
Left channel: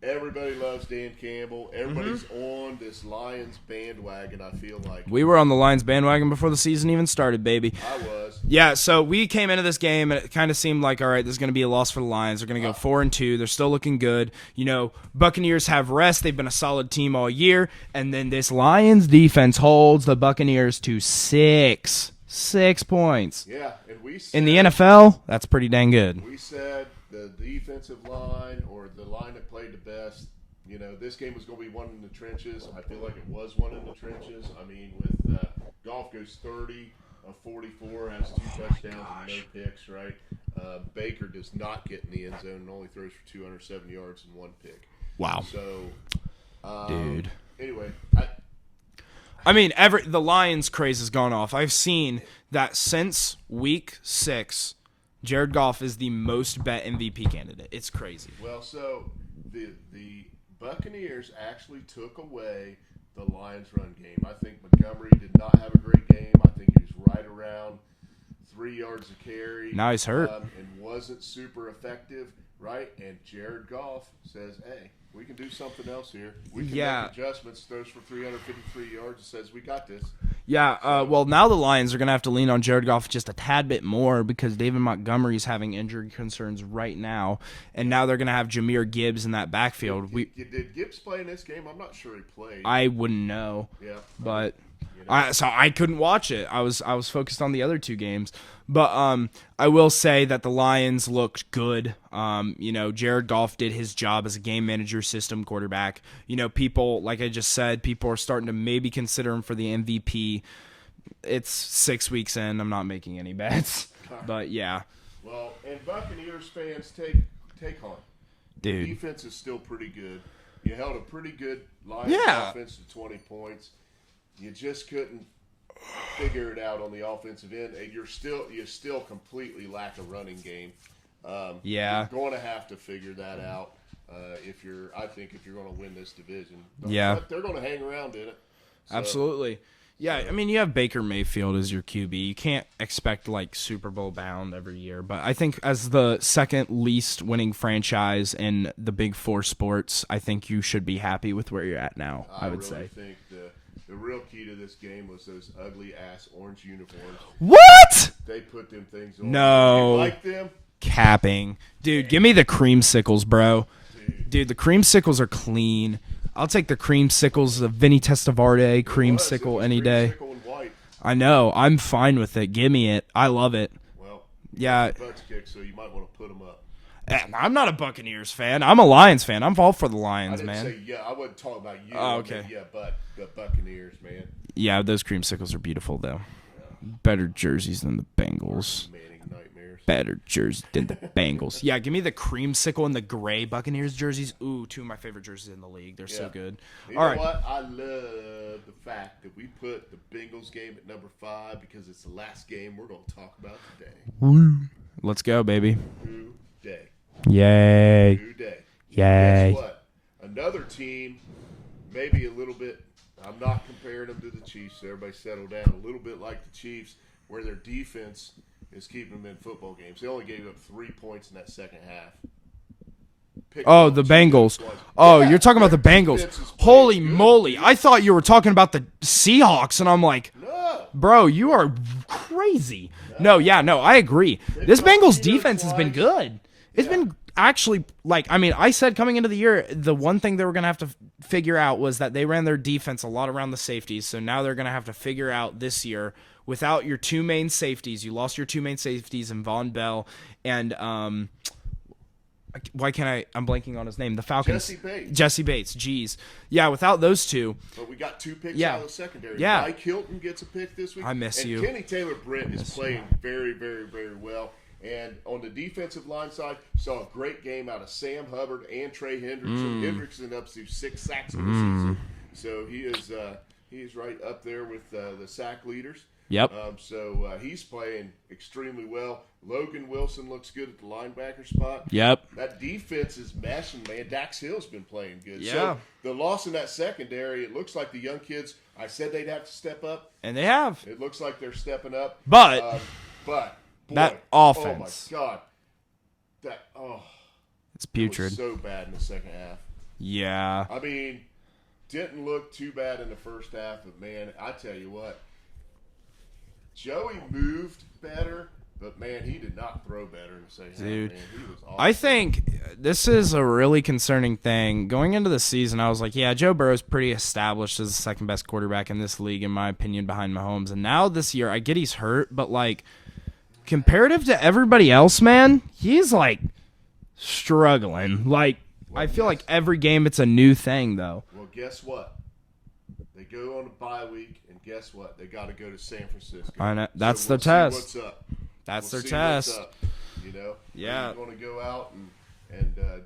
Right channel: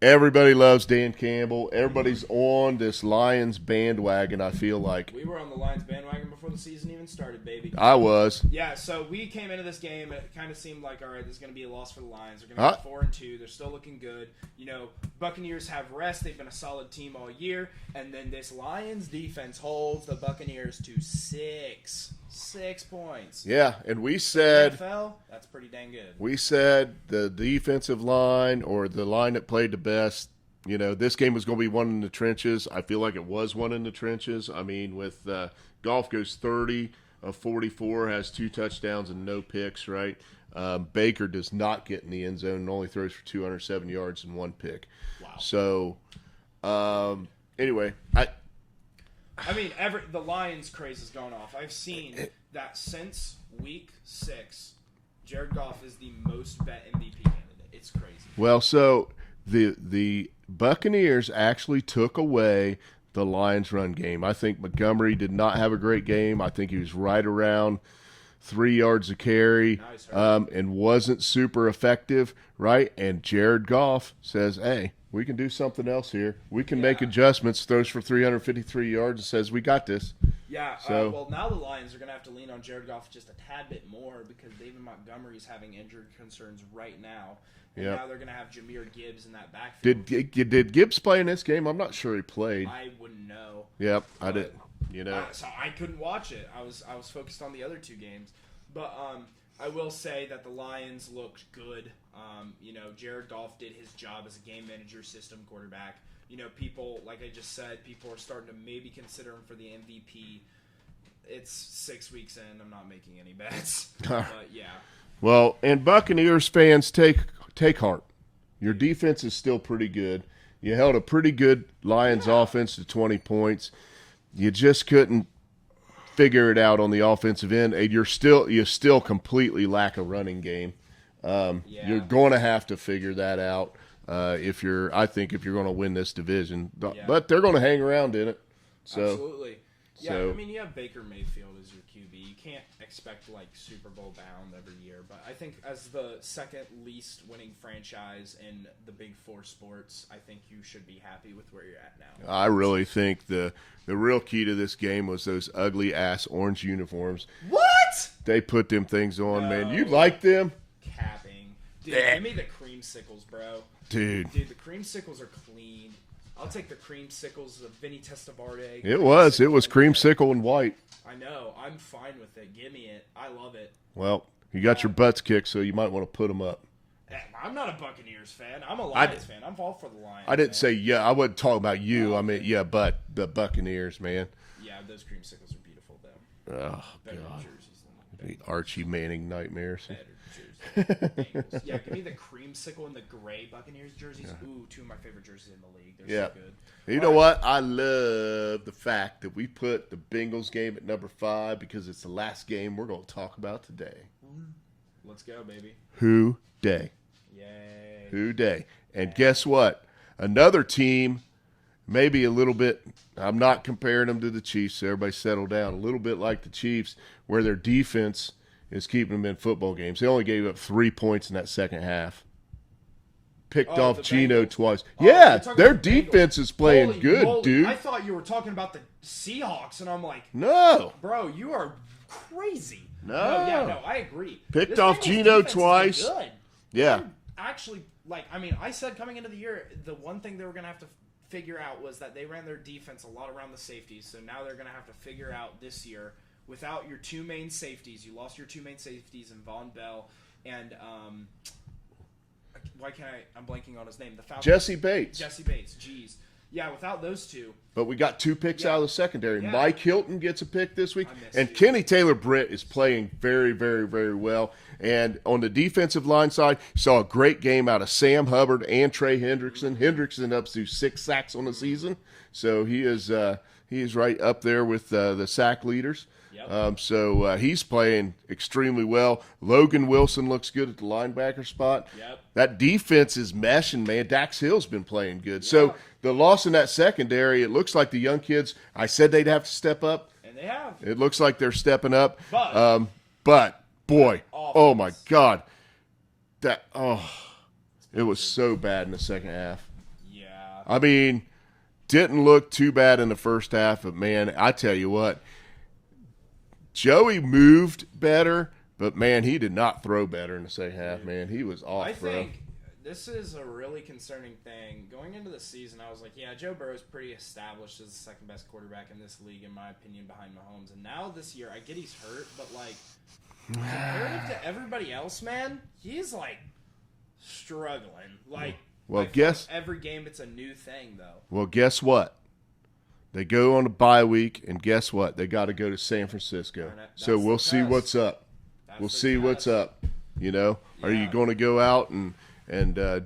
Everybody loves Dan Campbell. Everybody's on this Lions bandwagon, I feel like. We were on the Lions bandwagon before the season even started, baby. I was. Yeah, so we came into this game and it kind of seemed like, all right, this is going to be a loss for the Lions. They're going to go 4-2. They're still looking good. You know, Buccaneers have rest. They've been a solid team all year. And then this Lions defense holds the Buccaneers to 6 points. Yeah, and we said In the NFL, that's pretty dang good. we said the defensive line or the line that played the best, you know, this game was going to be one in the trenches. I feel like it was one in the trenches. I mean, with Goff goes 30 of 44, has 2 touchdowns and no picks, right? Baker does not get in the end zone and only throws for 207 yards and 1 pick. Wow. So, Dude. anyway, I mean, the Lions craze has gone off. I've seen that since week 6, Jared Goff is the most bet MVP candidate. It's crazy. well, so the Buccaneers actually took away the Lions' run game. I think Montgomery did not have a great game. I think he was right around 3 yards a carry. Now he's hurt. And wasn't super effective, right? And Jared Goff says, hey, we can do something else here. We can make Yeah. adjustments, throws for 353 yards and says, we got this. Yeah, So- well, now the Lions are going to have to lean on Jared Goff just a tad bit more because David Montgomery's having injury concerns right now, and now they're going to have Jahmyr Gibbs in that backfield. Did Gibbs play in this game? I'm not sure he played. I wouldn't know. Yep. But you know. so I couldn't watch it. I was focused on the other 2 games. But I will say that the Lions looked good. You know, Jared Goff did his job as a game manager, system quarterback. You know, people, like I just said, people are starting to maybe consider him for the MVP. It's 6 weeks in. I'm not making any bets. But yeah. Well, and Buccaneers fans take heart. Their Dude. defense is still pretty good. You held a pretty good Lions Yeah. offense to 20 points. You just couldn't figure it out on the offensive end, and you still completely lack a running game. You're going to have to figure that out if you're going to win this division. Yeah. But they're going to hang around in it. So, Absolutely. Yeah, so- I mean, you have Baker Mayfield as your QB. You can't expect, like, Super Bowl bound every year. But I think as the second least winning franchise in the Big Four sports, I think you should be happy with where you're at now. I really think the real key to this game was those ugly-ass orange uniforms. What? They put them things on. No. Man. You like them? Capping. Dude, give me the creamsicles, bro. Dude. Dude, the creamsicles are clean. I'll take the creamsicles of Vinny Testaverde. It was any day. creamsicle and white. I know. I'm fine with it. Give me it. I love it. Well, you Yeah. got your butts kicked, so you might want to put them up. I'm not a Buccaneers fan. I'm a Lions fan. I'm all for the Lions, I didn't man. say yeah. I wasn't talking about you. Oh, I mean, okay. yeah, but the Buccaneers, man. Yeah, those creamsicles are beautiful, though. Better jerseys than the Bengals. Archie Manning nightmares. Better jerseys than the Bengals. Yeah, give me the creamsicle and the gray Buccaneers jerseys. Ooh, 2 of my favorite jerseys in the league. They're so good. You All know right. what? I love the fact that we put the Bengals game at number 5 because it's the last game we're going to talk about today. Let's go, baby. Who day? Yay. Who day? Yay. And guess what? Another team, maybe a little bit. I'm not comparing them to the Chiefs. So everybody settle down. A little bit like the Chiefs, where their defense is keeping them in football games. They only gave up 3 points in that second half. Picked off The Geno Bengals. twice. Oh, Yeah, you're talking about the their Bengals. defense is playing Holy good, moly. dude. I thought you were talking about the Seahawks, and I'm like, No. bro, you are crazy. No, I agree. Picked This off Bengals Geno defense has been twice. good. It's Yeah. been actually, I said coming into the year, the one thing they were going to have to figure out was that they ran their defense a lot around the safeties, so now they're going to have to figure out this year, without your two main safeties, you lost your two main safeties in Von Bell and, why can't I'm blanking on his name, the Falcons. Jesse Bates, geez. Yeah, without those two. But we got 2 picks Yeah. out of the secondary. Yeah. Mike Hilton gets a pick this week. I miss and you. Kenny Taylor-Britt is playing very, very, very well. And on the defensive line side, you saw a great game out of Sam Hubbard and Trey Hendrickson. Hendrickson up to 6 sacks on the season. So he is right up there with the sack leaders. Yep. So he's playing extremely well. Logan Wilson looks good at the linebacker spot. Yep. That defense is meshing, man. Dax Hill's been playing good. Yeah. So the loss in that secondary, it looks like the young kids, I said they'd have to step up. And they have. It looks like they're stepping up. But boy, that oh my offense. God. It's It was putrid. so bad in the second half. Yeah. I mean, didn't look too bad in the first half, but man, I tell you what, Joey moved better, but man, he did not throw better in the second half, man. He was awesome. I think this is a really concerning thing. Going into the season, I was like, yeah, Joe Burrow's pretty established as the second best quarterback in this league, in my opinion, behind Mahomes. And now this year, I get he's hurt, but like, comparative to everybody else, man, he's like struggling. Like, Well, I feel like every game it's a new thing, though. Well, guess what? They go on a bye week, and guess what? They got to go to San Francisco. I know. That's so we'll the test. see what's up. That's We'll their see test. what's up. You know, are Yeah. you going to go out and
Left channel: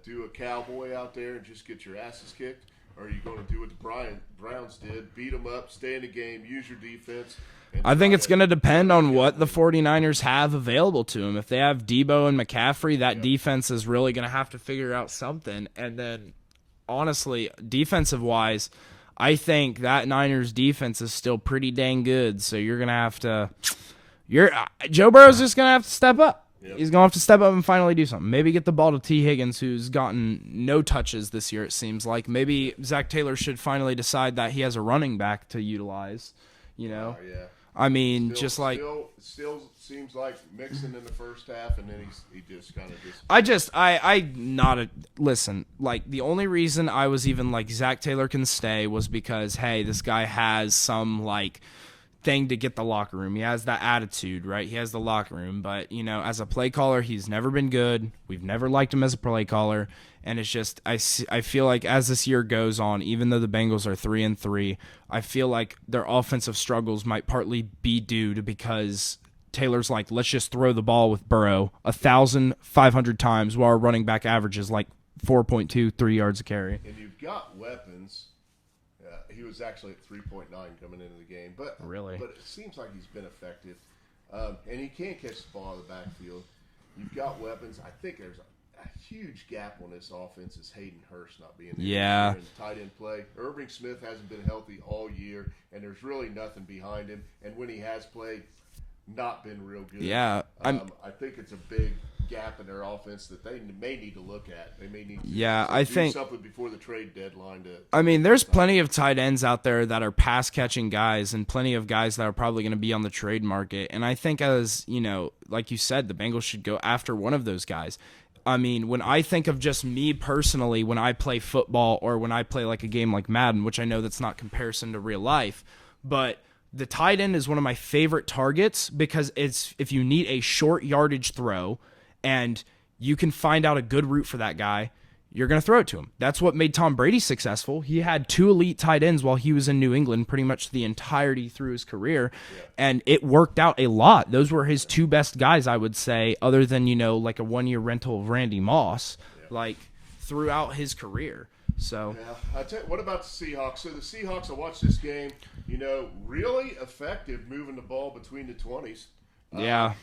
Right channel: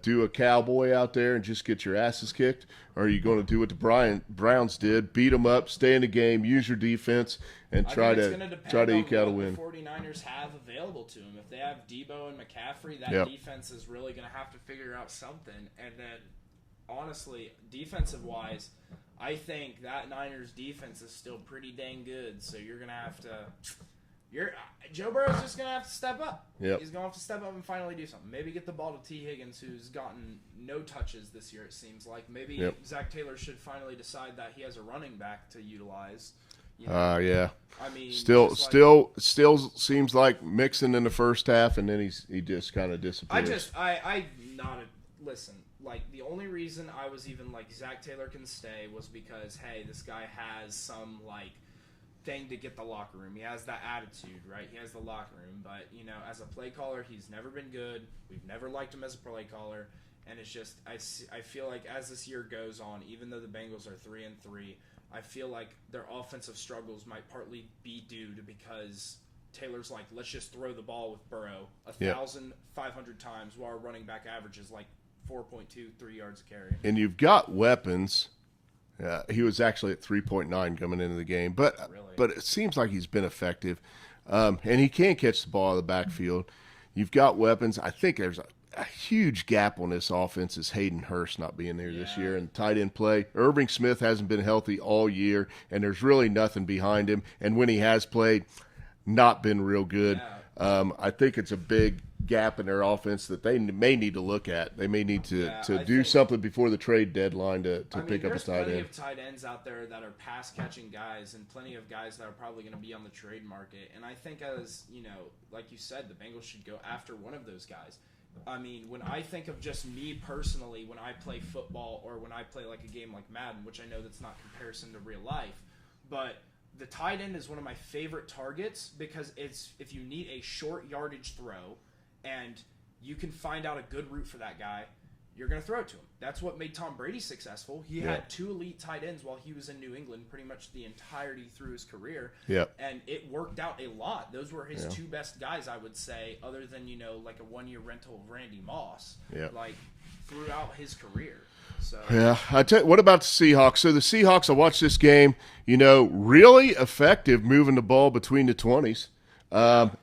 do a cowboy out there and just get your asses kicked, or are you going to do what the Browns did, beat them up, stay in the game, use your defense? And I think it's going to depend on what the win. 49ers have available to them. If they have Debo and McCaffrey, that Yep. defense is really going to have to figure out something. And then, honestly, defensive-wise, I think that Niners defense is still pretty dang good. So you're going to have to Joe Burrow's just going to have to step up. Yep. He's going to have to step up and finally do something. Maybe get the ball to T. Higgins, who's gotten no touches this year, it seems like. Maybe Yep. Zach Taylor should finally decide that he has a running back to utilize. You know, Yeah. I mean, Still seems like Mixon in the first half, and then he just kind of disappeared. Listen, like, the only reason I was even like Zach Taylor can stay was because, hey, this guy has some like thing to get the locker room. He has that attitude, right? He has the locker room, but you know, as a play caller, he's never been good. We've never liked him as a play caller. And it's just, I feel like as this year goes on, even though the Bengals are 3-3, I feel like their offensive struggles might partly be due to because Taylor's like, let's just throw the ball with Burrow 1,500 times while our running back averages like 4.23 yards a carry. And you've got weapons. He was actually at 3.9 coming into the game, but it seems like he's been effective, and he can catch the ball out of the backfield. You've got weapons. I think there's a huge gap on this offense is Hayden Hurst not being there this year in tight end play. Irving Smith hasn't been healthy all year, and there's really nothing behind him. And when he has played, not been real good. Yeah, I think it's a big gap in their offense that they may need to look at. They may need to, do something before the trade deadline. There's plenty of tight ends out there that are pass catching guys, and plenty of guys that are probably going to be on the trade market. And I think, as you know, like you said, the Bengals should go after one of those guys. I mean, when I think of just me personally, when I play football or when I play like a game like Madden, which I know that's not comparison to real life, but the tight end is one of my favorite targets because it's if you need a short yardage throw and you can find out a good route for that guy, you're going to throw it to him. That's what made Tom Brady successful. He had 2 elite tight ends while he was in New England pretty much the entirety through his career. Yeah. And it worked out a lot. Those were his 2 best guys, I would say, other than, you know, like a 1-year rental of Randy Moss, like throughout his career. So yeah, I tell you, what about the Seahawks? So the Seahawks, I watched this game, you know, really effective moving the ball between the 20s.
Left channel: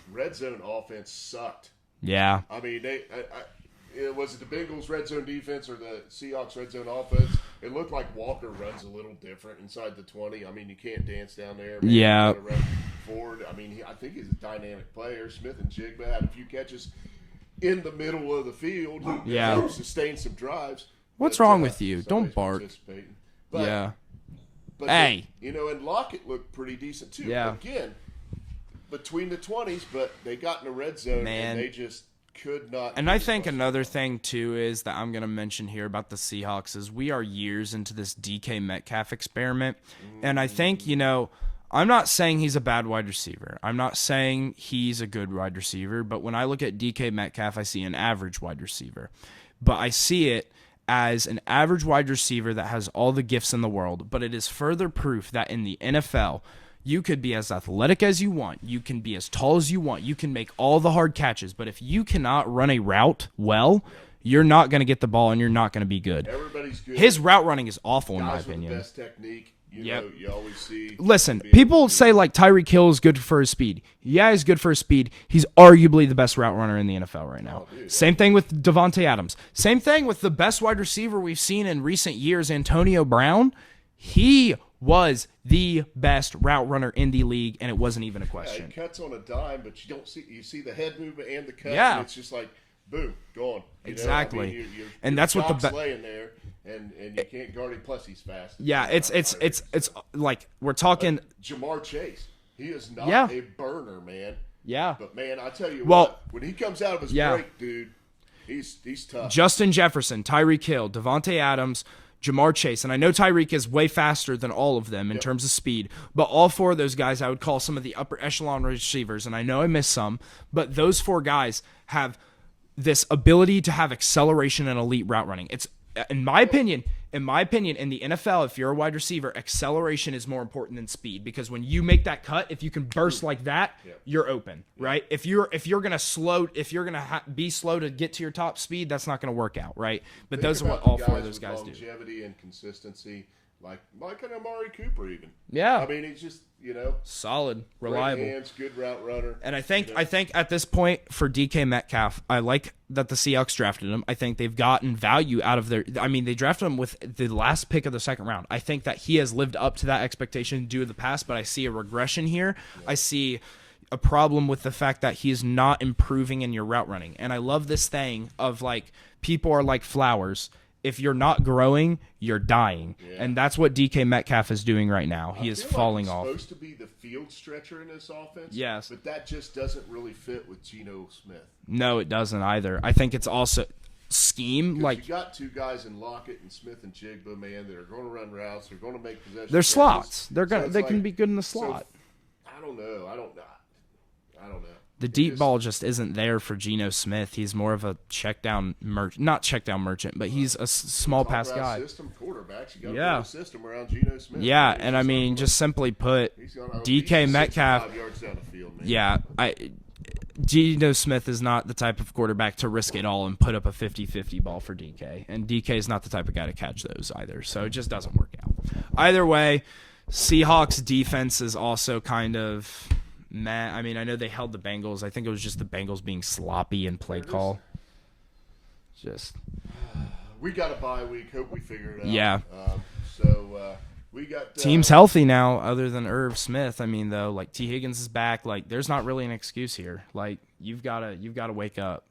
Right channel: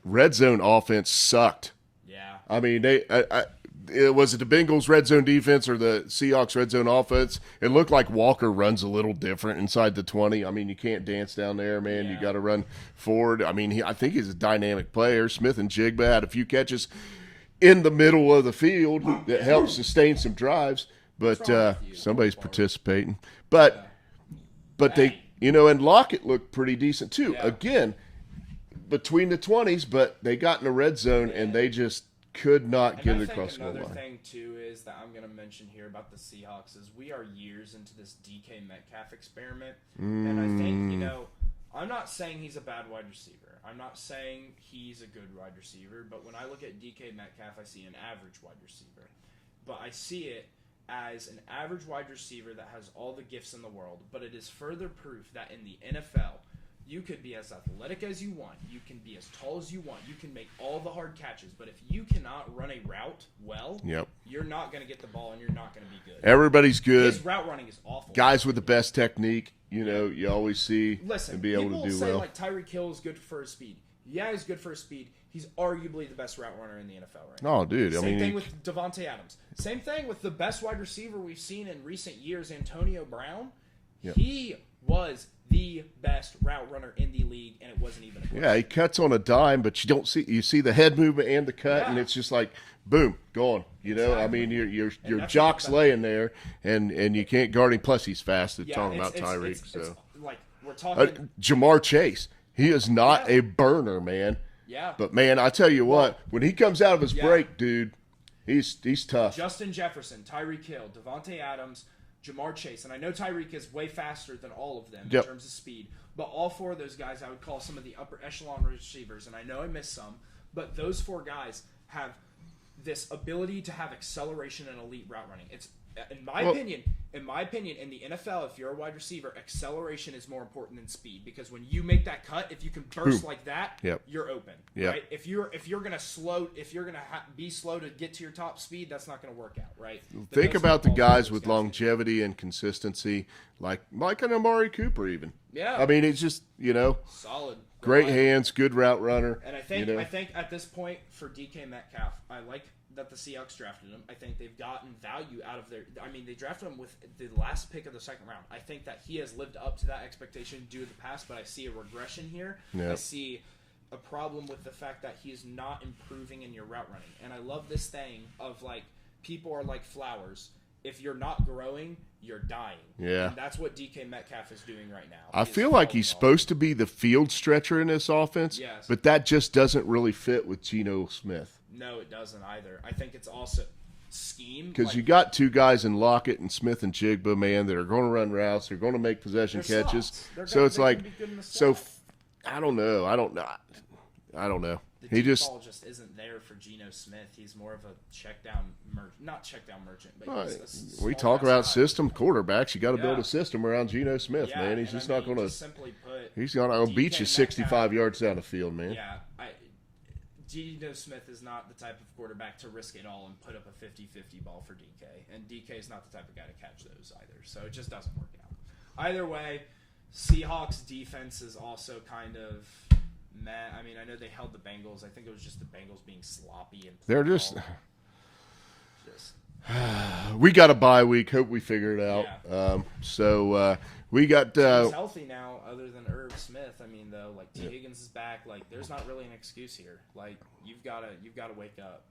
Red zone offense sucked Yeah. I mean, was it the Bengals red zone defense or the Seahawks red zone offense? It looked like Walker runs a little different inside the 20. I mean, you can't dance down there, man. Yeah. You got to run forward. I mean, I think he's a dynamic player. Smith and Jigba had a few catches in the middle of the field that helped sustain some drives. What's but, wrong with you? Somebody's Don't bark. participating. But, Yeah. but Hey. and Lockett looked pretty decent too. Yeah. Again, between the 20s, but they got in the red zone Man. and they just could not. And get I it think across the another line. thing too is that I'm going to mention here about the Seahawks is we are years into this DK Metcalf experiment, and I think I'm not saying he's a bad wide receiver. I'm not saying he's a good wide receiver, but when I look at DK Metcalf, I see an average wide receiver, but I see it as an average wide receiver that has all the gifts in the world. But it is further proof that in the NFL, you could be as athletic as you want. You can be as tall as you want. You can make all the hard catches. But if you cannot run a route well, you're not going to get the ball and you're not going to be good. Everybody's good. His route running is awful. Guys with the best technique, you always see. Listen, be able people to do say well. like Tyreek Hill is good for his speed. Yeah, he's good for his speed. He's arguably the best route runner in the NFL right now. Oh, dude. Same thing with Devontae Adams. Same thing with the best wide receiver we've seen in recent years, Antonio Brown. He was the best route runner in the league, and it wasn't even a question. Yeah, he cuts on a dime, but you see the head movement and the cut, and it's just like boom, gone. You know, I Exactly. mean, your that's what jock's laying there, and you can't guard him. Plus, he's fast. It's like we're talking. Jamar Chase. He is not a burner, man. Yeah. But man, I tell you what, when he comes out of his break, dude, he's tough. Justin Jefferson, Tyreek Hill, Devontae Adams, Jamar Chase, and I know Tyreek is way faster than all of them in terms of speed, but all four of those guys I would call some of the upper echelon receivers, and I know I missed some, but those four guys have this ability to have acceleration and elite route running. It's in my opinion, in the NFL, if you're a wide receiver, acceleration is more important than speed, because when you make that cut, if you can burst like that, you're open, right? If you're gonna be slow to get to your top speed, that's not gonna work out, right? But Think about the guys with do. longevity and consistency, like an Amari Cooper, even. Yeah, I mean, it's just solid, great reliable. hands, good route runner. And I think at this point for DK Metcalf, I like that the Seahawks drafted him. I think they've gotten value out of their. I mean, they drafted him with the last pick of the second round. I think that he has lived up to that expectation due to the past, but I see a regression here. I see a problem with the fact that he is not improving in your route running. And I love this thing of like people are like flowers. If you're not growing, you're dying. Yeah. And that's what DK Metcalf is doing right now. I feel like he's supposed to be the field stretcher in this offense. Yes. But that just doesn't really fit with Geno Smith. No, it doesn't either. I think it's also scheme. Because you got two guys in Lockett and Smith and Jigba, man, that are going to run routes. They're going to make possession They're catches. slots. They can be good in the slot. So, I don't know. I don't know. The deep ball just isn't there for Geno Smith. He's more of a not check down merchant, but he's a small pass guy. We talk about system quarterbacks. You got to build a system around Geno Smith. Yeah, man. and I mean, just simply put, he's going to DK beat you Metcalf 65 yards down the field, man. Yeah, Geno Smith is not the type of quarterback to risk it all and put up a 50-50 ball for DK, and DK is not the type of guy to catch those either. So it just doesn't work out. Either way, Seahawks defense is also kind of. I mean, I know they held the Bengals. I think it was just the Bengals being sloppy and play call. Just we got a bye week. Hope we figure it out. Yeah. We got teams healthy now, other than Irv Smith. I mean, though, like T. Higgins is back. Like, there's not really an excuse here. Like, you've got to wake up.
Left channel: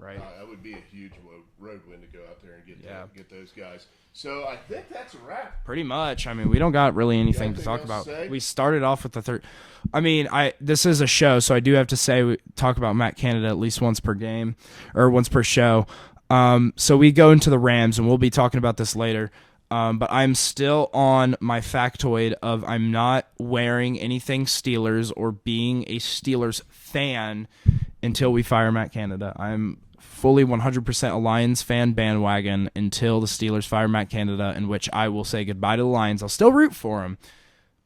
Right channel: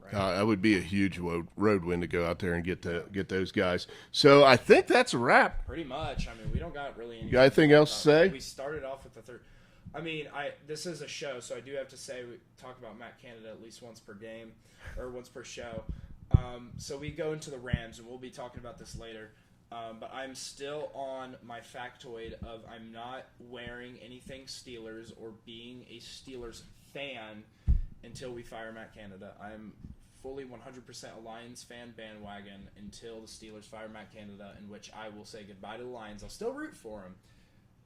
Right. That would be a huge road win to go out there and get those guys. So I think that's a wrap. Pretty much. I mean, we don't got really anything else to say. We started off with the third. I mean, this is a show, so I do have to say we talk about Matt Canada at least once per game or once per show. So we go into the Rams, and we'll be talking about this later. But I'm still on my factoid of I'm not wearing anything Steelers or being a Steelers fan until we fire Matt Canada. I'm fully 100% a Lions fan bandwagon until the Steelers fire Matt Canada, in which I will say goodbye to the Lions. I'll still root for him.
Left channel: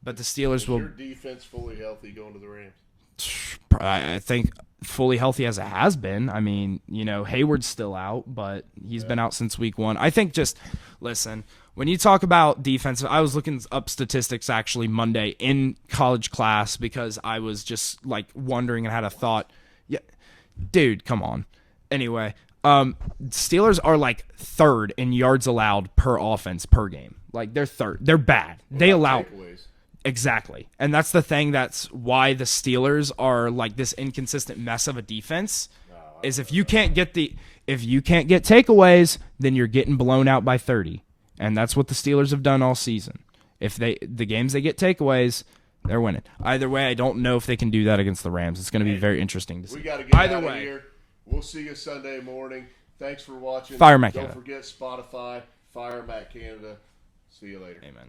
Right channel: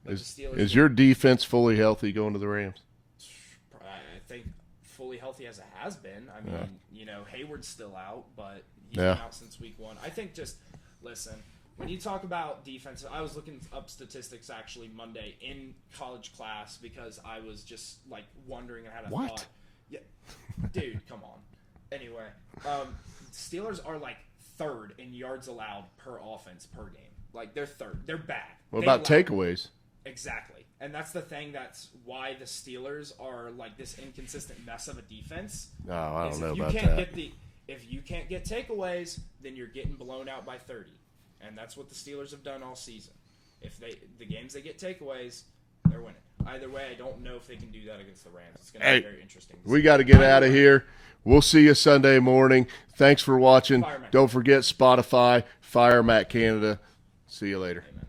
But the Steelers is your defense fully healthy going to the Rams? I think fully healthy as it has been. I mean, Hayward's still out, but he's been out since week 1. I think listen, when you talk about defense, I was looking up statistics actually Monday in college class because I was just like wondering and had a thought. Yeah. Dude, come on. Anyway, Steelers are like third in yards allowed per offense per game. Like they're third. They're bad. What They about allow takeaways. exactly, and that's the thing. That's why the Steelers are like this inconsistent mess of a defense. I Is don't if know you about can't that. get if you can't get takeaways, then you're getting blown out by 30, and that's what the Steelers have done all season. If the games they get takeaways, they're winning. Either way, I don't know if they can do that against the Rams. It's going to be Hey, very interesting. To We see. got to get Either out of way. here. We'll see you Sunday morning. Thanks for watching. Fire Matt Don't Canada. forget Spotify, Fire Matt Canada. See you later. Amen.